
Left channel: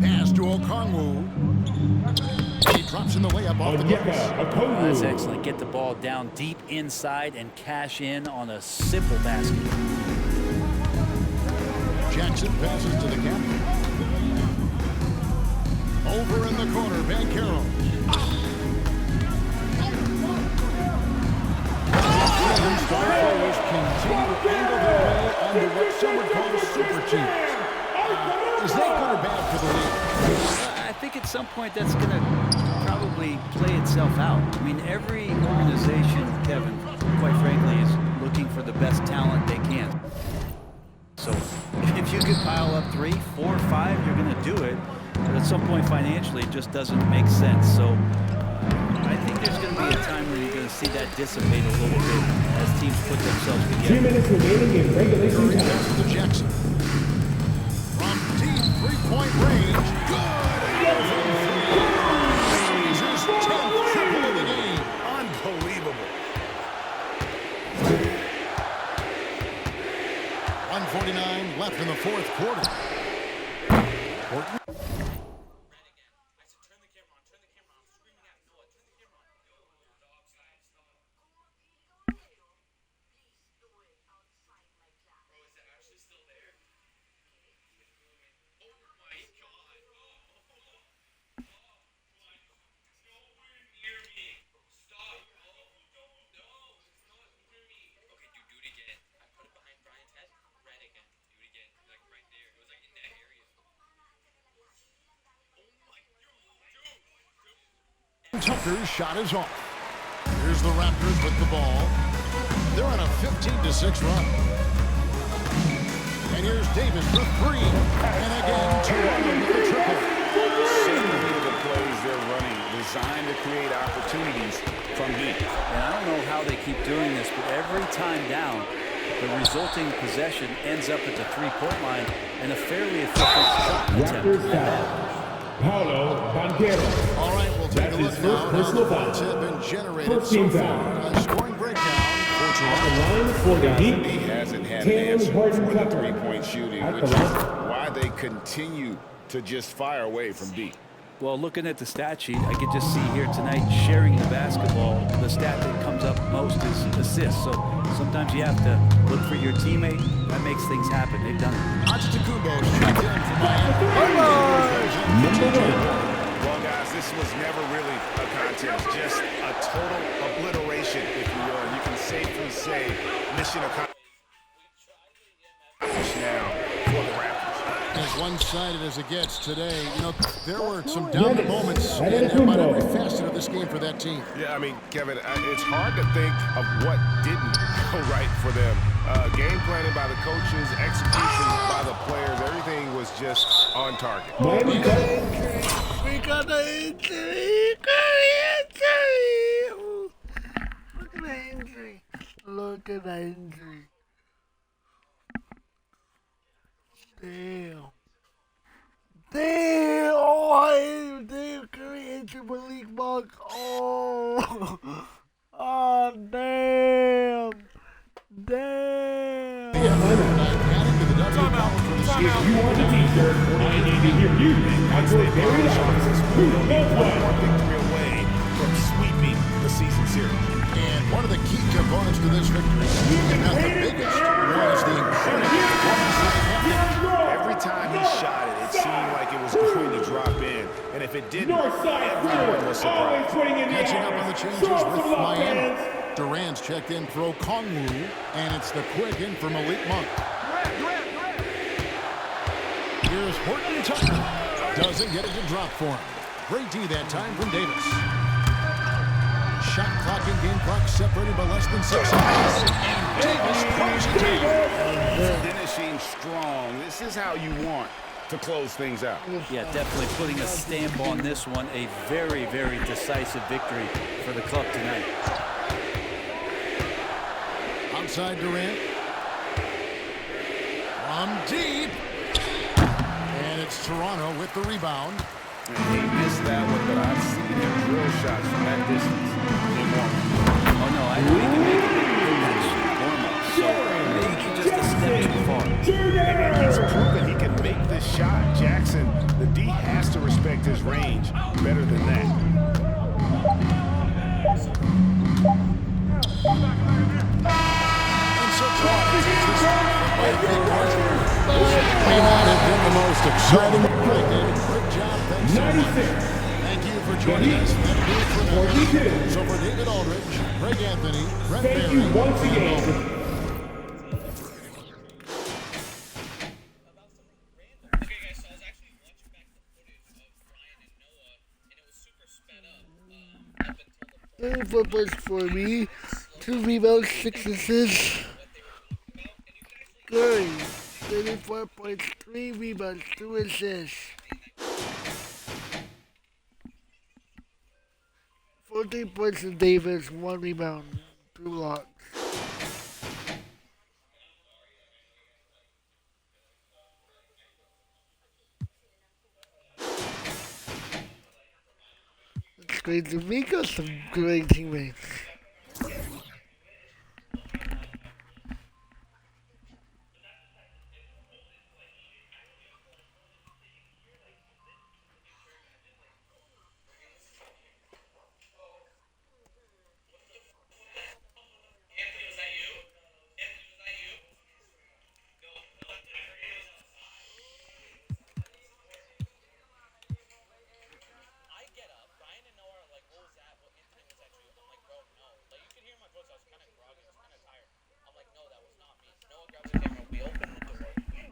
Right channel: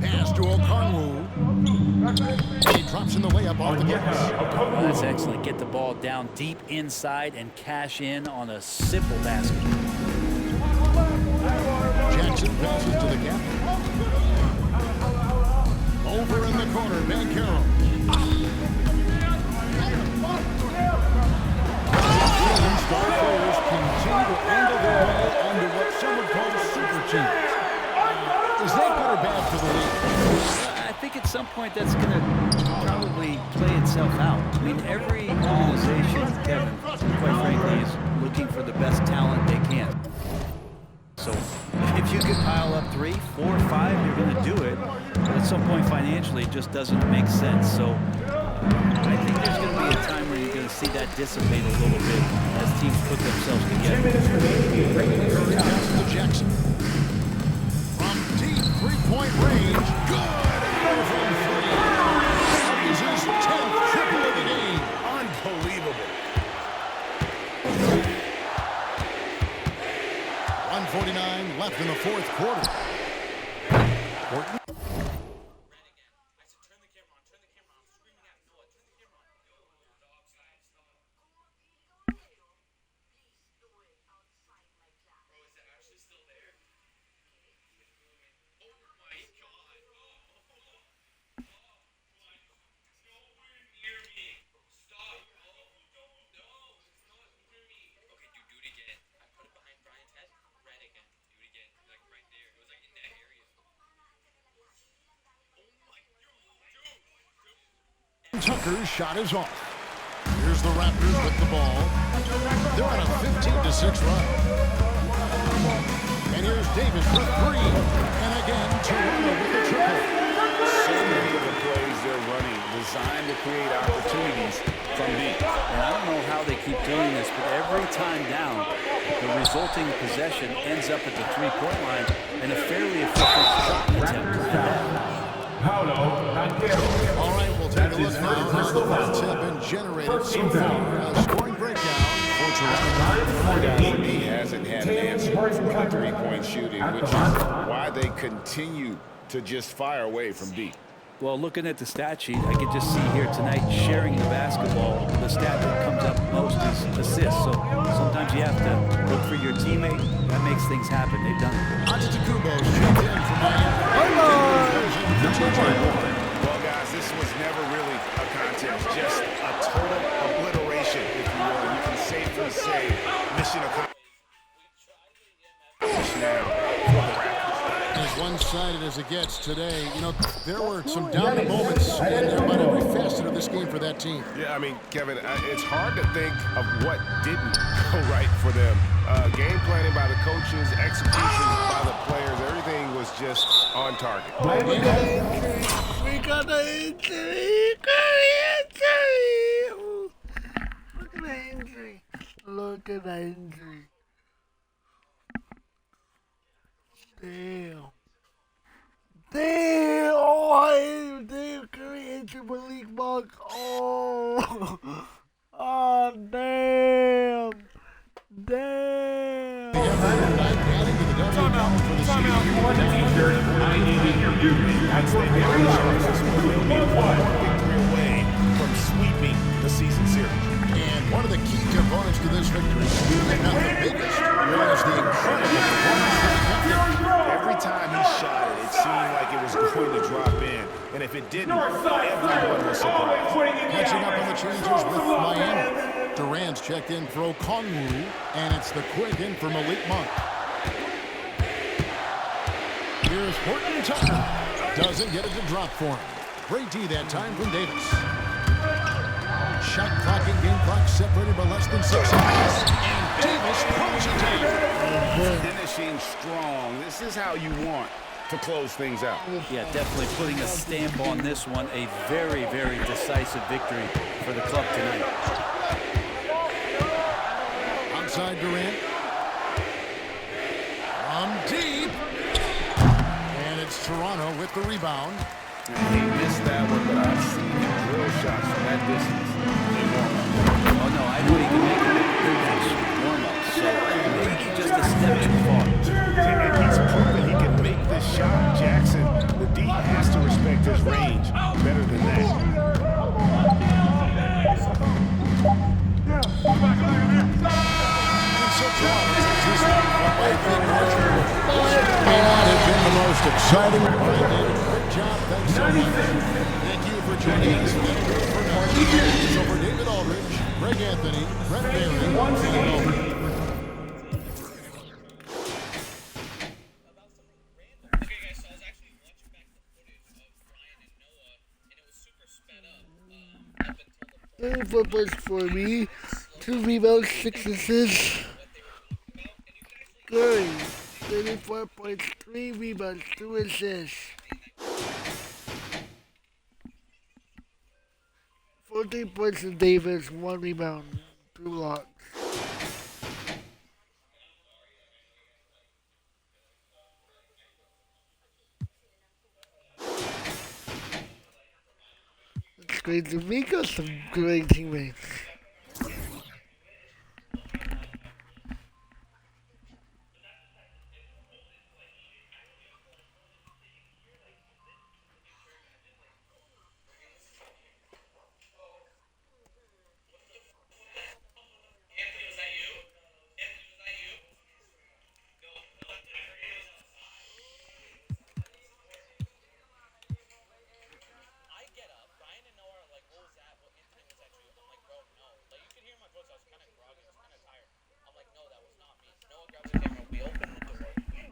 Pass to Okongwu. And he drops in the way up off the glass. Oh, that's excellent. Get the ball down deep inside and cash in on a simple basket. Jackson passes to the captain. Over in the corner, Banchero. Star players continue to angle their way onto what some would call super teams. Is that good or bad for the league? I think at some point that's going to probably play itself out. I mean, every organization, Kevin, quite frankly, is looking for the best talent they can. So if you could pile up 3, 4, 5, you're going to do it. But at some point financially, it just doesn't make sense. So I think there's going to be a time where you're going to see that dissipate a little bit as teams put themselves 2 together. minutes remaining in regulation Curry time. passes to Jackson. From deep three-point range. Good! And from 3. He's his 10th triple of the game. Unbelievable. 1:49 left in the fourth quarter. Horton. Tucker's shot is off. Here's the Raptors with the ball. They're on a 15-6 run. And here's Davis for 3. And again, Toronto with the triple. So many of the plays they're running designed to create opportunities from deep. And I don't know how they keep doing this, but every time down, the resulting possession ends up at the three-point line and a fairly efficient shot attempt at that. Paulo Banchero. All right, we'll take a look his now at how the personal points foul. have been generated First so team far. foul. A scoring breakdown for At Toronto. the line for the Heat. He hasn't had an Tatum answer Horton for the Tucker. three-point shooting, At the which is line. why they continue to just fire away from deep. Well, looking at the stat sheet, I could just see here tonight sharing the basketball. The stat that comes up most is assists. So sometimes you have to look for your teammate. That makes things happen. They've done it. Antetokounmpo's checked in for Miami. Well, guys, this was never really a contest, just a total obliteration, if you will. And you can safely say mission accomplished now for the Raptors. As one-sided as it gets today, you know, there were some dominant moments in about every facet of this game for that team. Yeah, I mean, Kevin, it's hard to think of what didn't go right for them. Game planning by the coaches, execution by the players, everything was just on target. We got the injury. We got the injury. Look at the injury. Look at the injury. Damn. Damn. Oh, damn. Curry injured Malik Monk. Oh. Oh, damn. Damn. Adding to the W column for the season. You want the t-shirt. I need to hear you. Once they polish off this one, they'll be one more victory away from sweeping the season series. And one of the key components to this victory, if not the biggest, was the incredible performance from the captain. Every time he shot it, it seemed like it was going to drop in. And if it didn't, everyone was surprised. Catching up on the changes with Miami. Durant's checked in for Okongwu, and it's the quick in for Malik Monk. Here's Horton Tucker. Doesn't get it to drop for him. Great D that time from Davis. Shot clock and game clock separated by less than 6 seconds. And Davis throws it down. Finishing strong. This is how you want to close things out. Yeah, definitely putting a stamp on this one. A very, very decisive victory for the club tonight. Outside Durant. From deep. And it's Toronto with the rebound. And he missed that one, but I've seen him drill shots from that distance in warm-up. Oh, no, I know he can make it, but that's warm-up. So maybe just a step too far. And he's proven he can make this shot. Jackson, the D has to respect his range better than that. And so Toronto takes this one by a big margin. May not have been the most exciting. All right, David, great job. Thanks so much. Thank you for joining us. That'll do it for now. So for David Aldridge, Greg Anthony, Brent Berry, and Nolan. Thirty 4 points for me, 2 rebounds, 6 assists. Curry, 34 points, 3 rebounds, 2 assists. 14 points in Davis, 1 rebound, 2 blocks. That's great. We got some great teammates.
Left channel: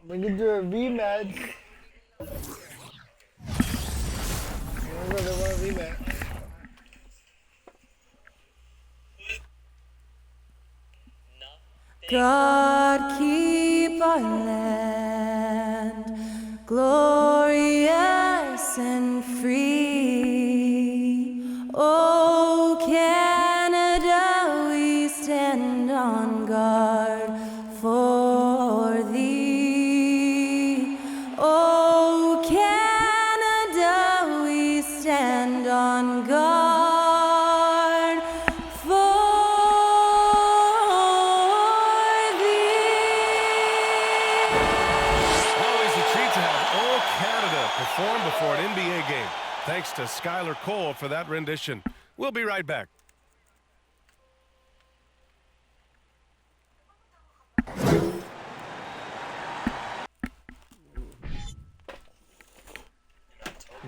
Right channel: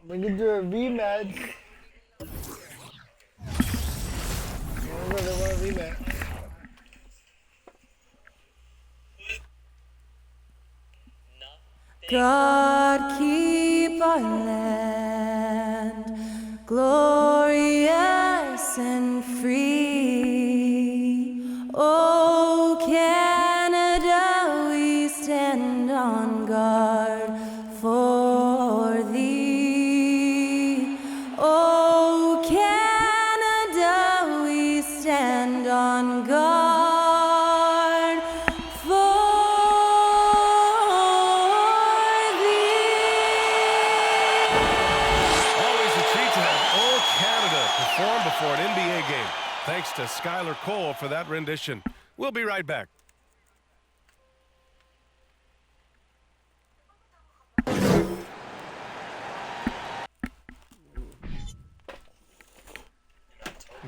We're gonna do a rematch. We're gonna do a rematch. God keep our land glorious and free. Oh, Canada, we stand on guard for thee. Oh, Canada, we stand on guard for thee. Always a treat to have All Canada perform before an NBA game. Thanks to Skylar Cole for that rendition. We'll be right back.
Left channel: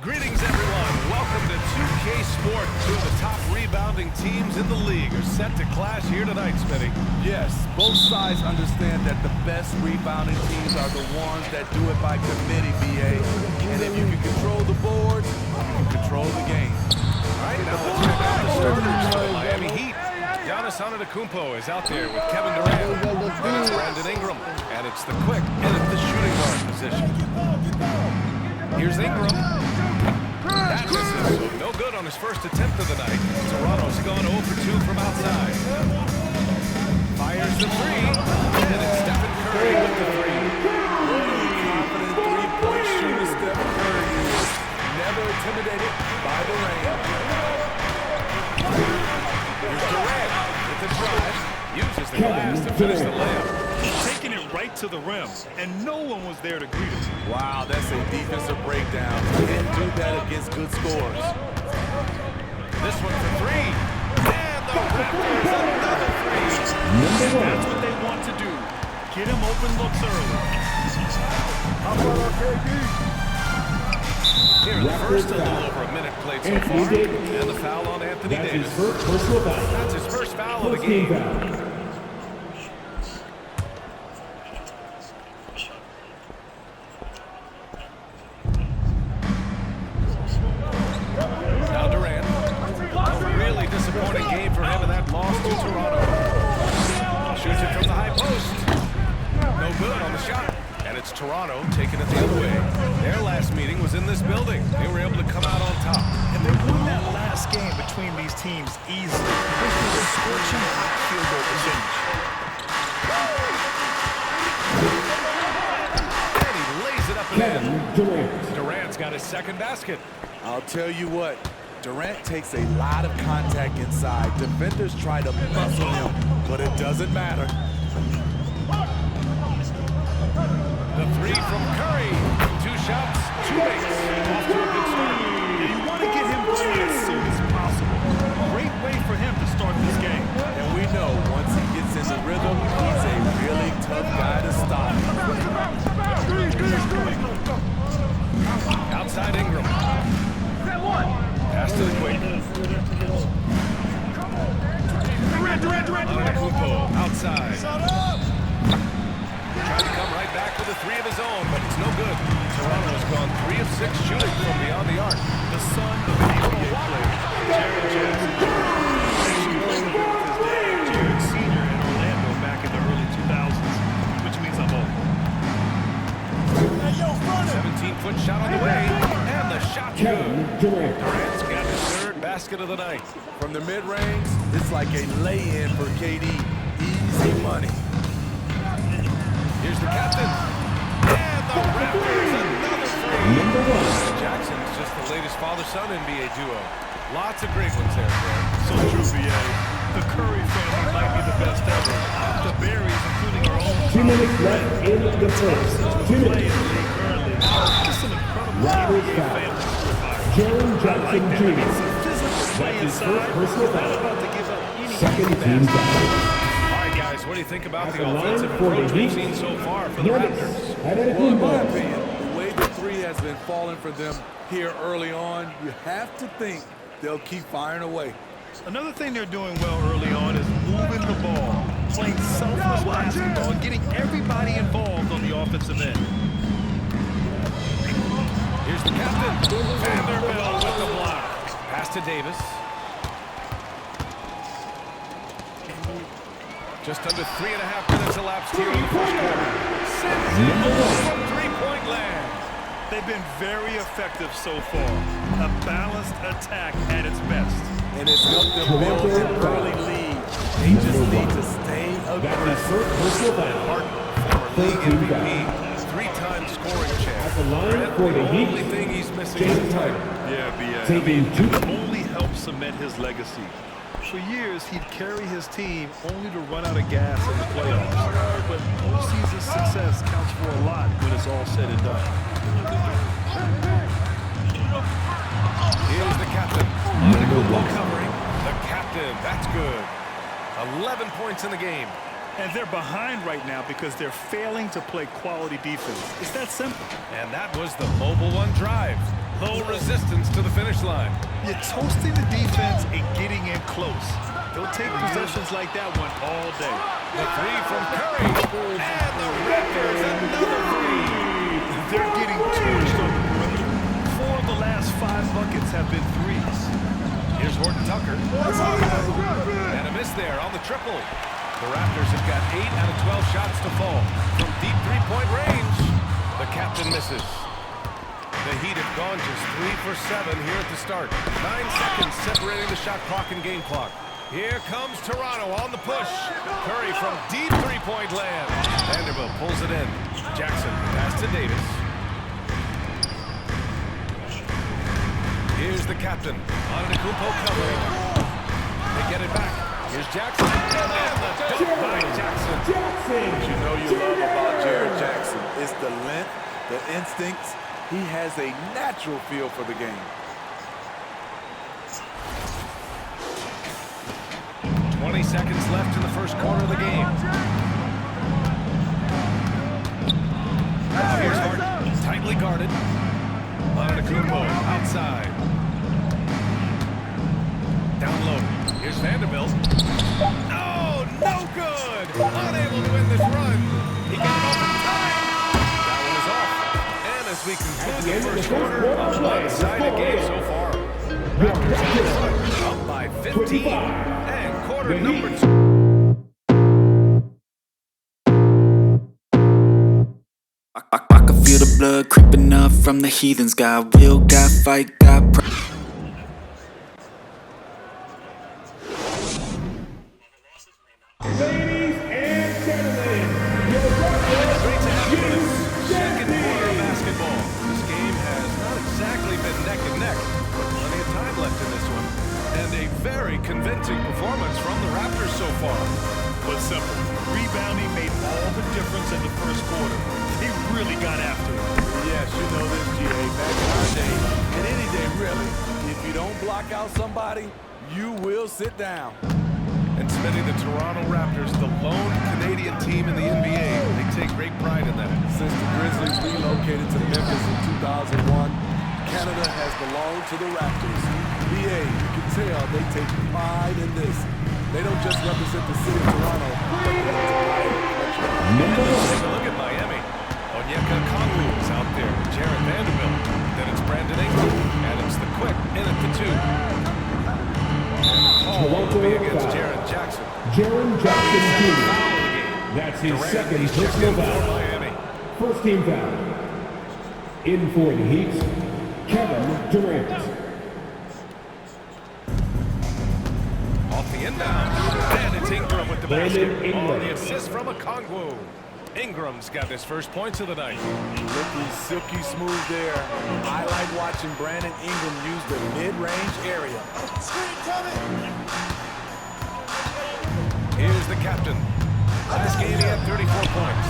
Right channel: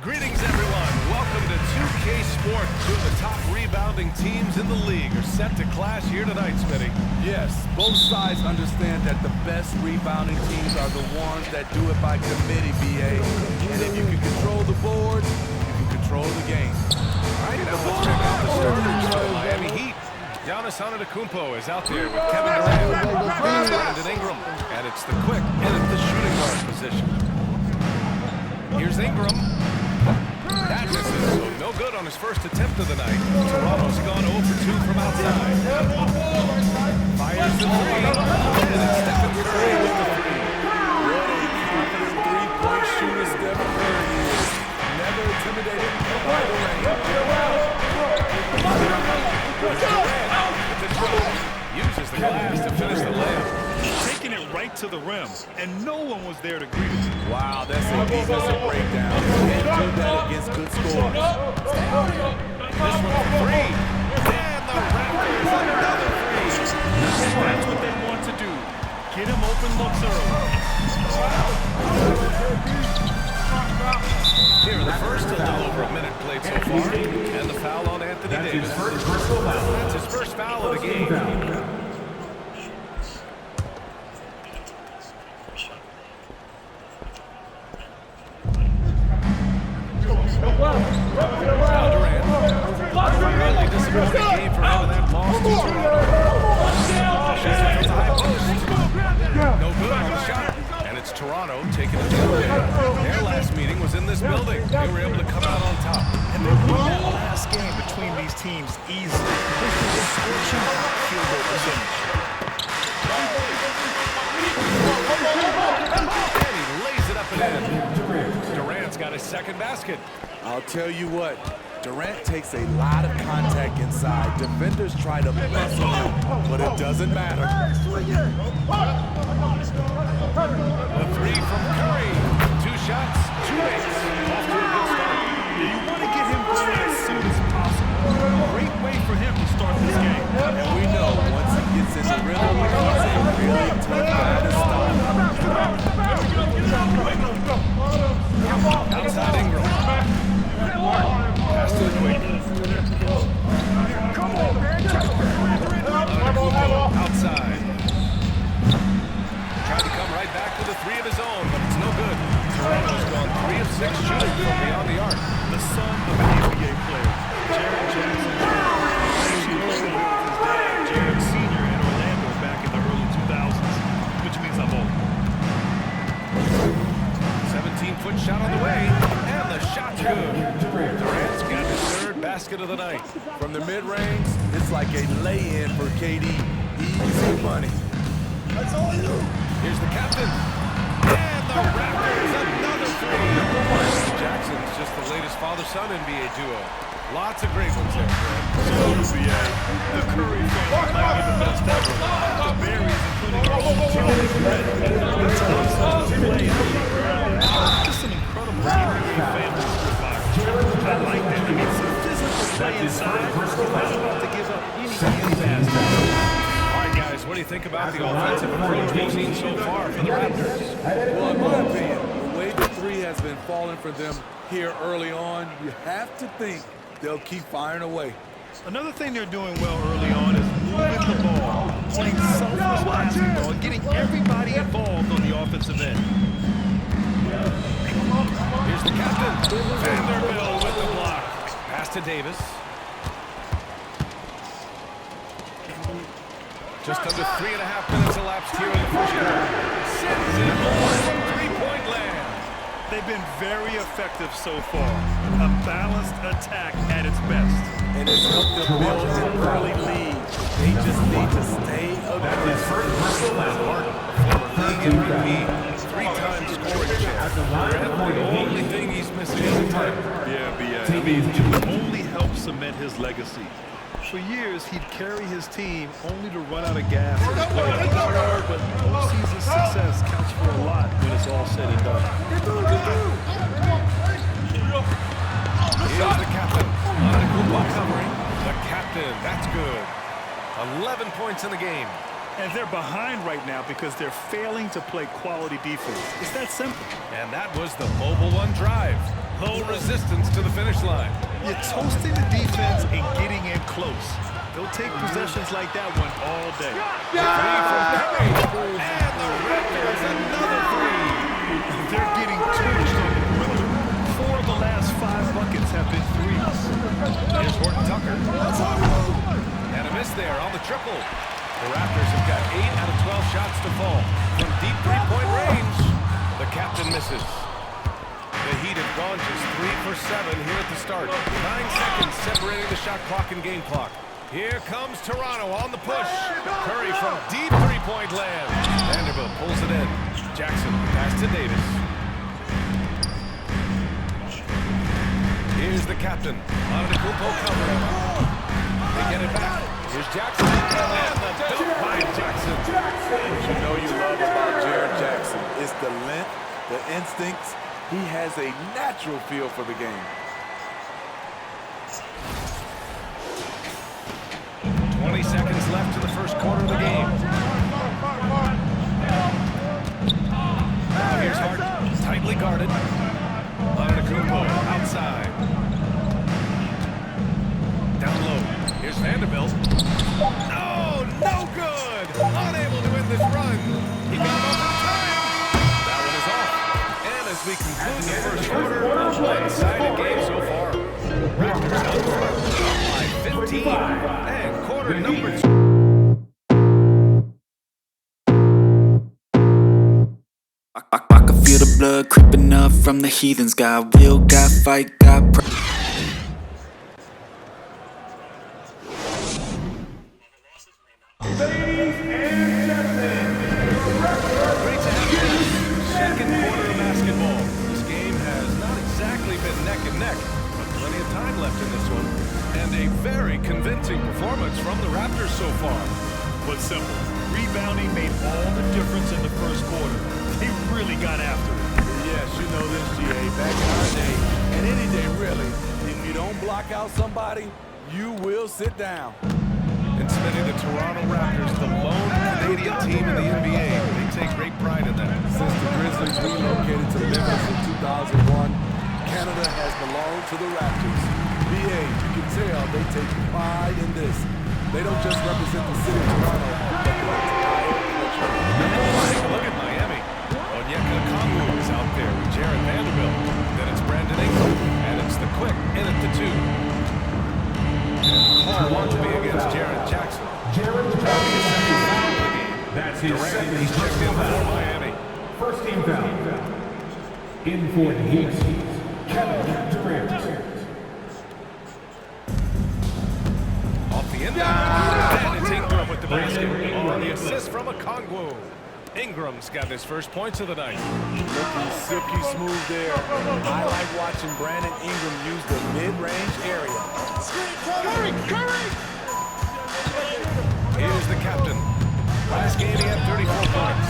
Greetings, everyone. Welcome to 2K Sport. Two of the top rebounding teams in the league are set to clash here tonight, Smitty. Yes, both sides understand that the best rebounding teams are the ones that do it by committee, BA. And if you can control the boards, you can control the game. All right, now let's check out the starters for the Miami Heat. Giannis Antetokounmpo is out there with Kevin Durant, Brandon Ingram, and it's the quick and at the shooting guard position. Here's Ingram. That misses, so no good on his first attempt of the night. Toronto's gone 0 for 2 from outside. Fires the three, and it's Stephen Curry with the three. What a confident three-point shooter Stephen Curry is. Never intimidated by the rain. Here's Durant with the drive. Uses the glass to finish the layup. Taking it right to the rim, and no one was there to greet him. Wow, that's a defensive breakdown. Can't do that against good scores. This one for three. And the Raptors another three. And that's what they want to do. Get him open looks early. Here in the first, a little over a minute played so far. And the foul on Anthony Davis. That's his first foul of the game. Now Durant. Really disappointing game for him in that loss to Toronto. Shoots it from the high post. No good on the shot. And it's Toronto taking it the other way. Their last meeting was in this building. They were able to come out on top. And they won that last game between these teams easily. This was a scorching hot field goal percentage. dropping in. Durant's got his second basket. I'll tell you what, Durant takes a lot of contact inside. Defenders try to muscle him, but it doesn't matter. The three from Curry. 2 shots, 2 makes. Off to a good start. Yeah, you want to get him going as soon as possible. Great way for him to start this game. And we know once he gets in the rhythm, he's a really tough guy to stop. Outside Ingram. Pass to the quick. Antetokounmpo outside. Tried to come right back with a 3 of his own, but it's no good. Toronto's gone 3 of 6 shooting from beyond the arc. The son of an NBA player, Jared Jackson Jr. Actually played a bit with his dad, Jared Sr. in Orlando back in the early 2000s, which means I'm old. 17-foot shot on the way, and the shot's good. Durant's got his 3rd basket of the night. From the mid-range, it's like a lay-in for KD. Easy money. Here's the captain. And the Raptors, another 3. Jackson's just the latest father-son NBA duo. Lots of great ones there, Fred. So true, B.A. The Curry family might be the best ever. The Berries, including our own Tommy Fred, the Thompsons who play in the league currently. Just some incredible NBA families to admire. I like that. I mean, some physical play inside. He's not about to give up any easy basket. All right, guys, what do you think about the offensive approach we've seen so far for the Raptors? Well, in my opinion, the way the 3 has been falling for them here early on, you have to think they'll keep firing away. Another thing they're doing well early on is moving the ball, playing selfless basketball, and getting everybody involved on the offensive end. Here's the captain. Vanderbilt with the block. Pass to Davis. Just under 3.5 minutes elapsed here in the first quarter. Sends it home from 3-point land. They've been very effective so far. A balanced attack at its best. And it's helped them build an early lead. They just need to stay aggressive. And Harden, a former league MVP, 3-time scoring champ. Brent, the only thing he's missing is a title. Yeah, B.A. I mean, it would only help cement his legacy. For years, he'd carry his team only to run out of gas in the playoffs. But postseason success counts for a lot when it's all said and done. Here's the captain. Antetokounmpo covering. The captain, that's good. 11 points in the game. And they're behind right now because they're failing to play quality defense. It's that simple. And that was the mobile 1 drive. Low resistance to the finish line. You're toasting the defense and getting in close. They'll take possessions like that one all day. The 3 from Curry. And the Raptors, another 3. They're getting torched on the perimeter. 4 of the last 5 buckets have been 3s. Here's Horton Tucker. And a miss there on the triple. The Raptors have got 8 out of 12 shots to fall. From deep 3-point range, the captain misses. The Heat have gone just 3 for 7 here at the start. 9 seconds separating the shot clock and game clock. Here comes Toronto on the push. Curry from deep 3-point land. Vanderbilt pulls it in. Jackson, pass to Davis. Here's the captain. Antetokounmpo covering. They get it back. Here's Jackson. And the dunk by Jackson. What you know you love about Jared Jackson is the length, the instincts. He has a natural feel for the game. 20 seconds left in the first quarter of the game. Now here's Harden, tightly guarded. Antetokounmpo outside. Down low. Here's Vanderbilt. Oh, no good! Unable to end this run. He got it off in time. That one is off. And as we conclude the first quarter, a one-sided game so far. Raptors out front, up by 15. And quarter number 2. I can feel the blood creeping up from the heathens. Got will, got fight, got Ladies and gentlemen, Great to have you with us. second quarter of basketball. This game has not exactly been neck and neck, but plenty of time left in this one. And a very convincing performance from the Raptors so far. Was simple. Rebounding made all the difference in the first quarter. They really got after it. Yes, you know this, GA. Back in our day, and any day really, if you don't block out somebody, you will sit down. And Smitty, the Toronto Raptors, the lone Canadian team in the NBA. They take great pride in that. Since the Grizzlies relocated to Memphis in 2001, Canada has belonged to the Raptors. BA, you can tell they take pride in this. They don't just represent the city of Toronto, but the entire country. And let's take a look at Miami. Onyeka Okongwu is out there with Jared Vanderbilt. Then it's Brandon Ingram, and it's the quick in at the 2. And the call will be against Jaren Jackson. Jaren Jackson, second Jackson. foul of the game. That's his Durant, second he's checked in personal for foul. Miami. First team foul. In for the Heat, Kevin Durant. Off the inbound, and it's Ingram with the basket. Brandon On the Ingram. assist from Okongwu. Ingram's got his first points of the night. Looking silky smooth there. I like watching Brandon Ingram use the mid-range area. Here's the captain. Last game he had 34 points.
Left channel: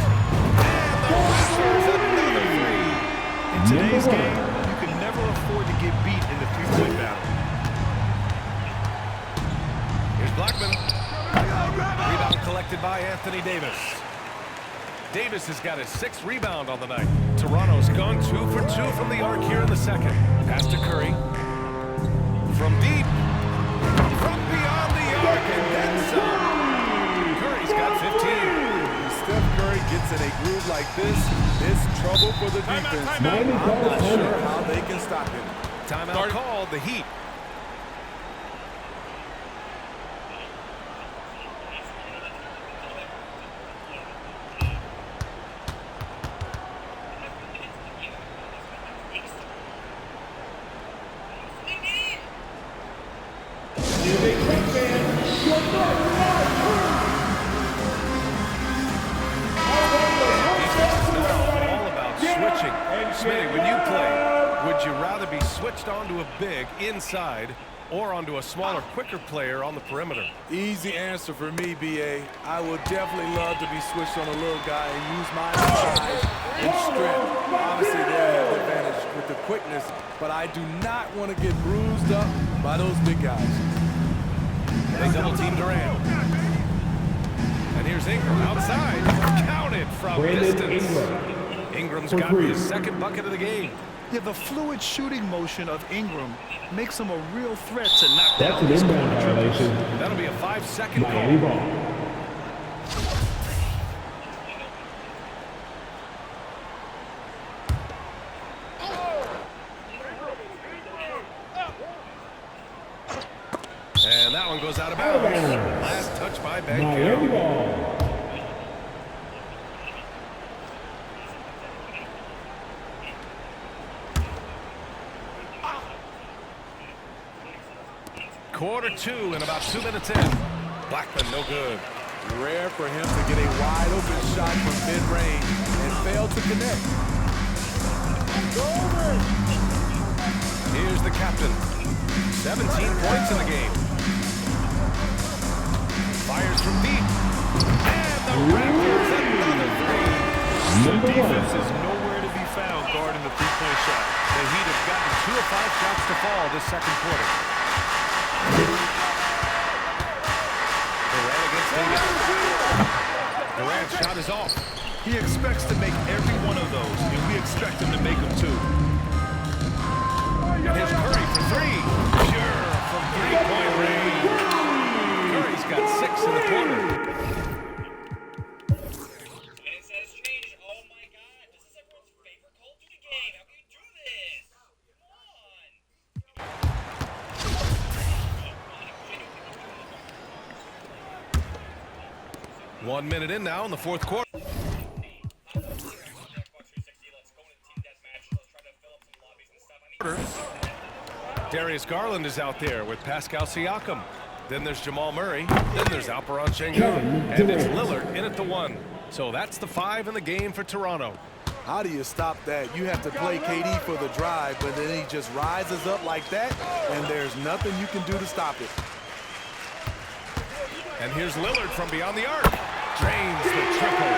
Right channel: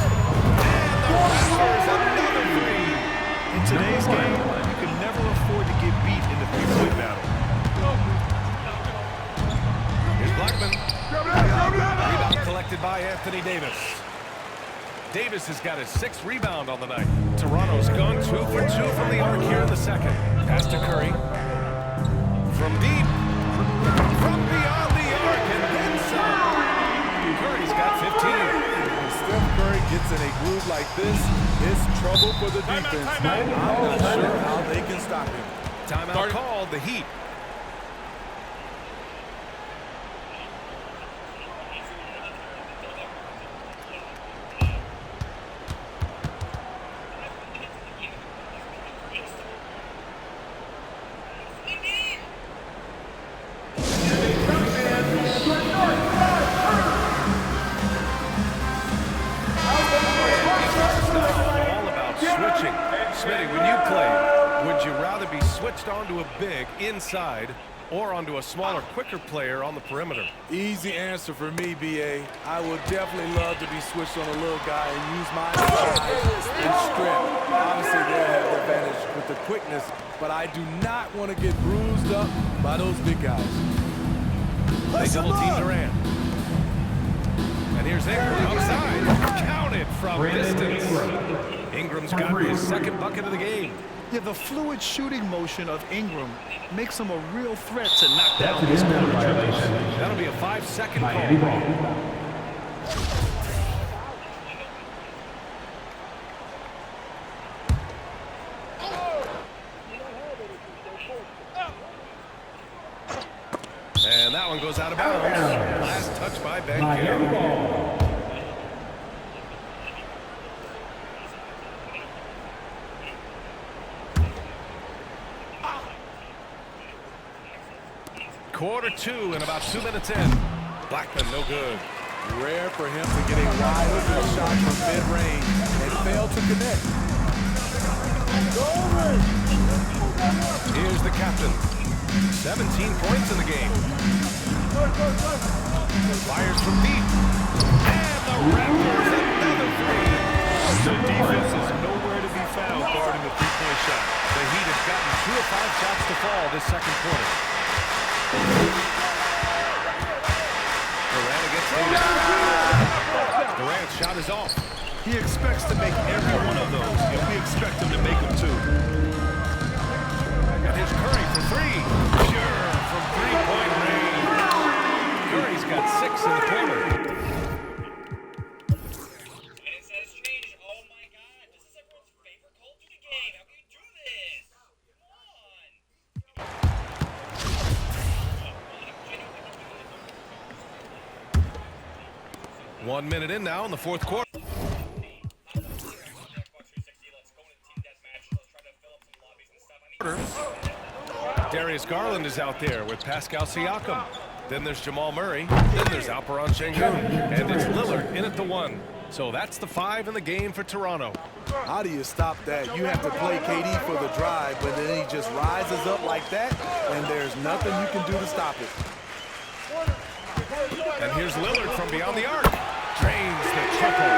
And the Raptors another 3. In today's game, you can never afford to get beat in the three-point battle. Here's Blackman. Rebound collected by Anthony Davis. Davis has got his 6th rebound on the night. Toronto's gone 2 for 2 from the arc here in the second. Pass to Curry. From deep. From beyond the arc and then some. Curry's got 15. When Steph Curry gets in a groove like this, it's trouble for the defense. I'm not sure how they can stop him. Timeout called, the Heat. Switching. Smitty, when you played, would you rather be switched onto a big inside or onto a smaller, quicker player on the perimeter? Easy answer for me, BA. I would definitely love to be switched on a little guy and use my size and strength. Obviously, they'll have the advantage with the quickness, but I do not want to get bruised up by those big guys. They double-team Durant. And here's Ingram outside. Counted from Brandon distance. Ingram. Ingram's got his 2nd bucket of the game. Yeah, the fluid shooting motion of Ingram makes him a real threat to knock That's down an these inbound corner triples. violation. That'll be a 5-second Miami call. ball. And that one goes out of bounds. Last touch by Ben Miami Carroll. ball. Quarter 2 and about 2 minutes in. Blackman no good. Rare for him to get a wide open shot from mid-range and fail to connect. Here's the captain. 17 points in the game. Fires from deep. And the Raptors another 3. The defense is nowhere to be found guarding the three-point shot. The Heat have gotten 2 of 5 shots to fall this second quarter. Durant against Davis. Durant's shot is off. He expects to make every one of those, and we expect him to make them too. And here's Curry for 3. Sure, from 3-point range. Curry's got 6 in the quarter. Come on. 1 minute in now in the fourth quarter. Darius Garland is out there with Pascal Siakam. Then there's Jamal Murray. Then there's Alperon Şengün. And it's Lillard in at the 1. So that's the 5 in the game for Toronto. How do you stop that? You have to play KD for the drive, but then he just rises up like that, and there's nothing you can do to stop it. And here's Lillard from beyond the arc. Drains the triple.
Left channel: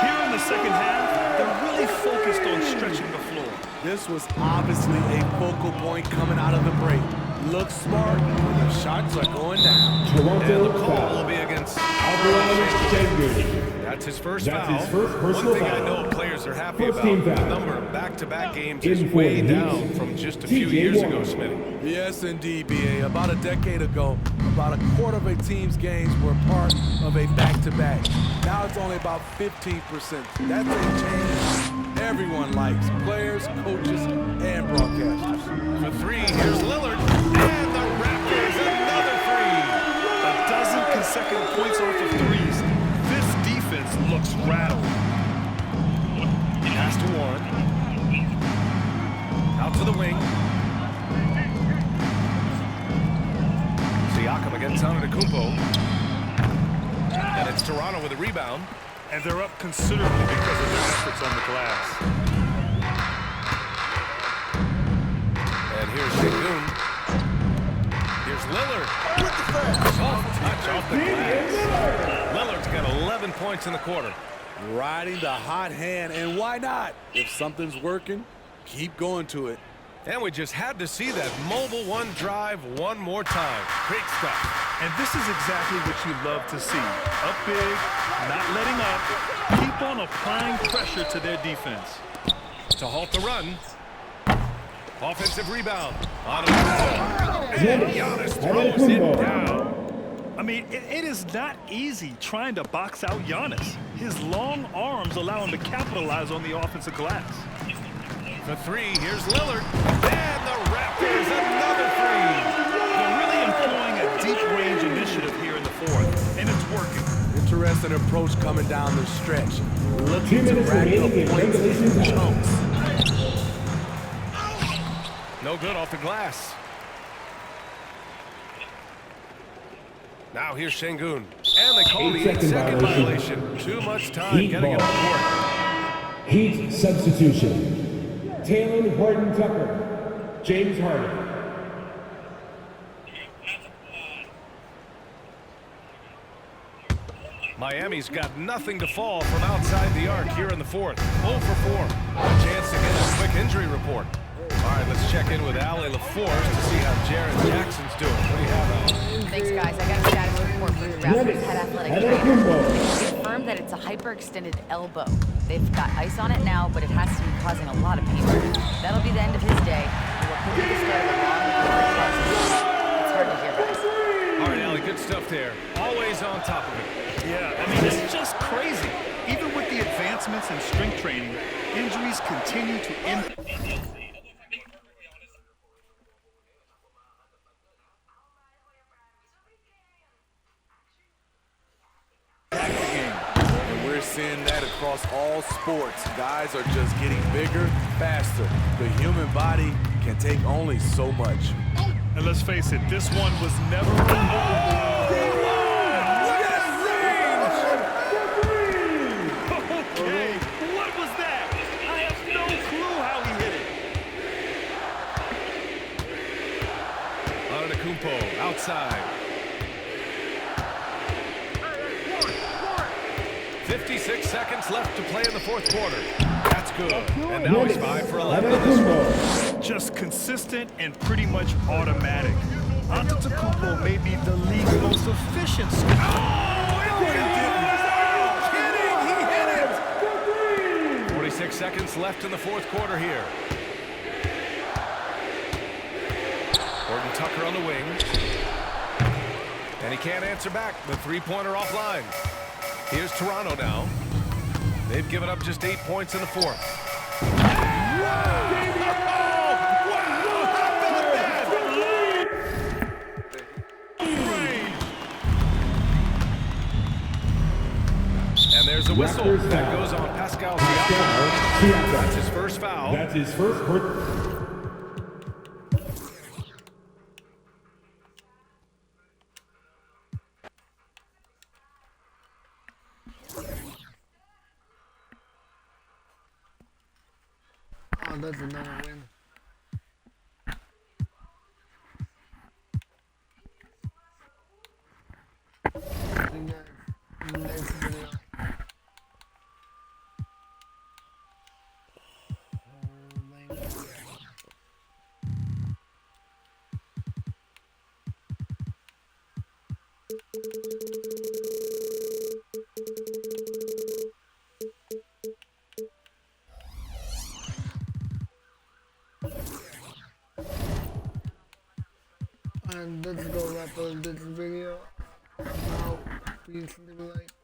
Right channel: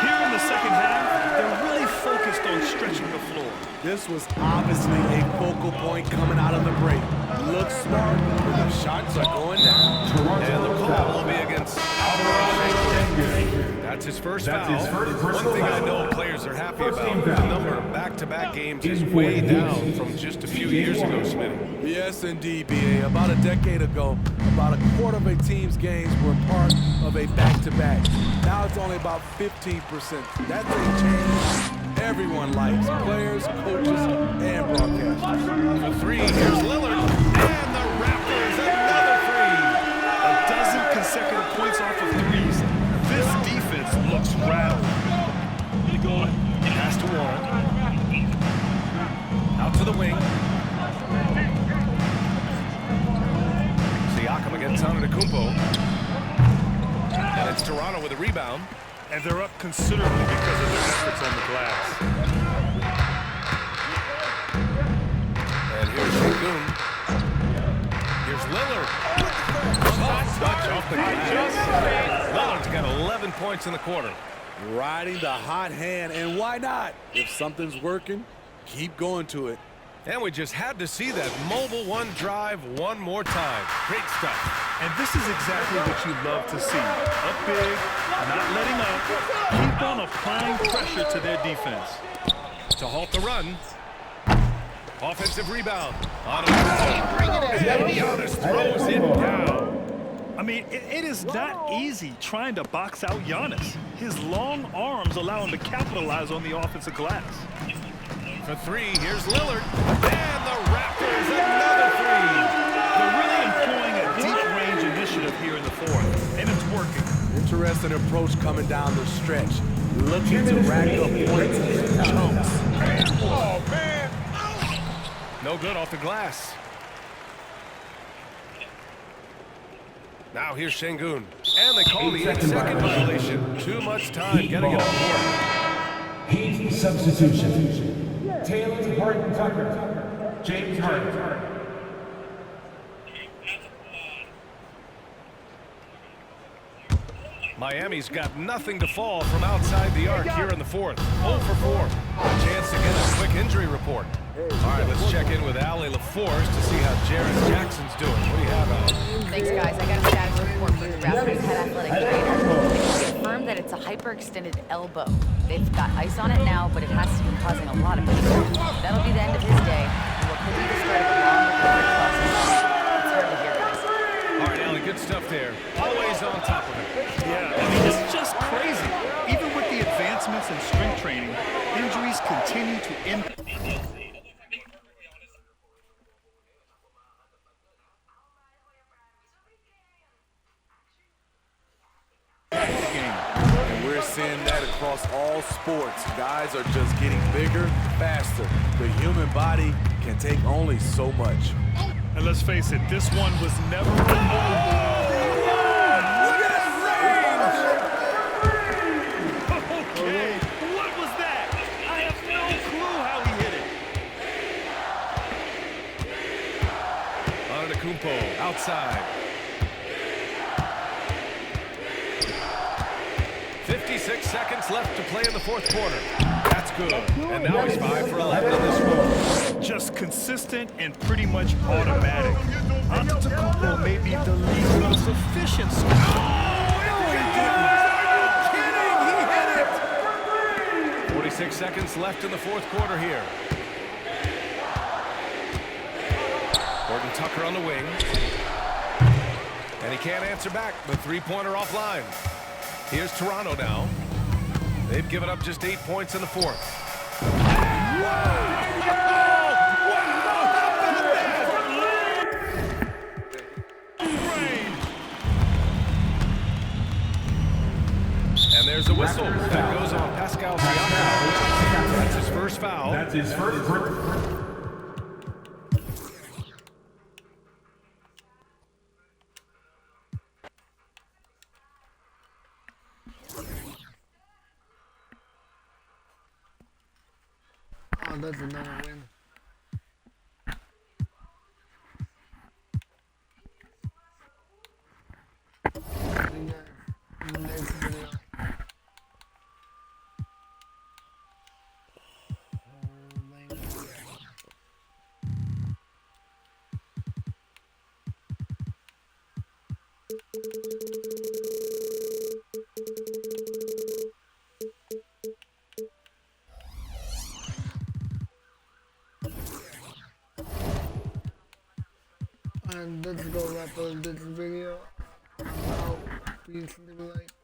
Here in the second half, they're really focused on stretching the floor. This was obviously a focal point coming out of the break. Looks smart when the shots are going down. And the call will be against Shangoon. That's his first foul. One thing I know players are happy about, the number of back-to-back games is way down from just a few years ago, Smitty. Yes, indeed, B.A. About a decade ago, about a quarter of a team's games were part of a back-to-back. Now it's only about 15%. That's a change everyone likes, players, coaches, and broadcasters. For three, here's Lillard, and the Raptors, another three. A dozen consecutive points off of threes. This defense looks rattled. Pass to Warren. Out to the wing. Siakam against Antetokounmpo. And it's Toronto with a rebound. And they're up considerably because of their efforts on the glass. And here's Shangoon. Here's Lillard. Soft touch off the glass. Lillard's got 11 points in the quarter. Riding the hot hand, and why not? If something's working, keep going to it. And we just had to see that mobile one drive one more time. Great stuff. And this is exactly what you love to see. Up big, not letting up. Keep on applying pressure to their defense. To halt the run. Offensive rebound. And Giannis throws it down. I mean, it is not easy trying to box out Giannis. His long arms allow him to capitalize on the offensive glass. For three, here's Lillard. And the Raptors, another three. They're really employing a deep range initiative here in the fourth, and it's working. Interesting approach coming down the stretch. Looking to rack up points in chunks. No good off the glass. Now here's Shangoon. And they call the 8-second violation. Too much time getting it on board. Heat substitution. Taylor Horton-Tucker, James Harden. Miami's got nothing to fall from outside the arc here in the fourth. 0 for 4. A chance to get a quick injury report. All right, let's check in with Allie LaForce to see how Jaren Jackson's doing. What do you have, Allie? Thanks, guys. I got a status report from the Raptors head athletic trainer. They confirmed that it's a hyperextended elbow. They've got ice on it now, but it has to be causing a lot of pain. That'll be the end of his day, and what could be the start of a long recovery process. It's hard to hear, guys. All right, Allie, good stuff there. Always on top of it. Yeah, I mean, it's just crazy. Even with the advancements in strength training, injuries continue to impact the game. And we're seeing that across all sports. Guys are just getting bigger, faster. The human body can take only so much. And let's face it, this one was never Look at that range! Okay, what was that? I have no clue how he hit it. Antetokounmpo outside. 56 seconds left to play in the fourth quarter. That's good. And now he's 5 for 11 in this one. Just consistent and pretty much automatic. Antetokounmpo may be the league's most efficient scorer. Oh, he didn't. Are you kidding? He hit it. 46 seconds left in the fourth quarter here. Horton-Tucker on the wing. And he can't answer back. The three-pointer offline. Here's Toronto now. They've given up just 8 points in the fourth. Wow! How about that? And there's a whistle that goes on Pascal Siakam. That's his first foul. That's his first. Oh, that's another win. See you guys in the next video. And let's go wrap up this video. I'm out. Peace, live light.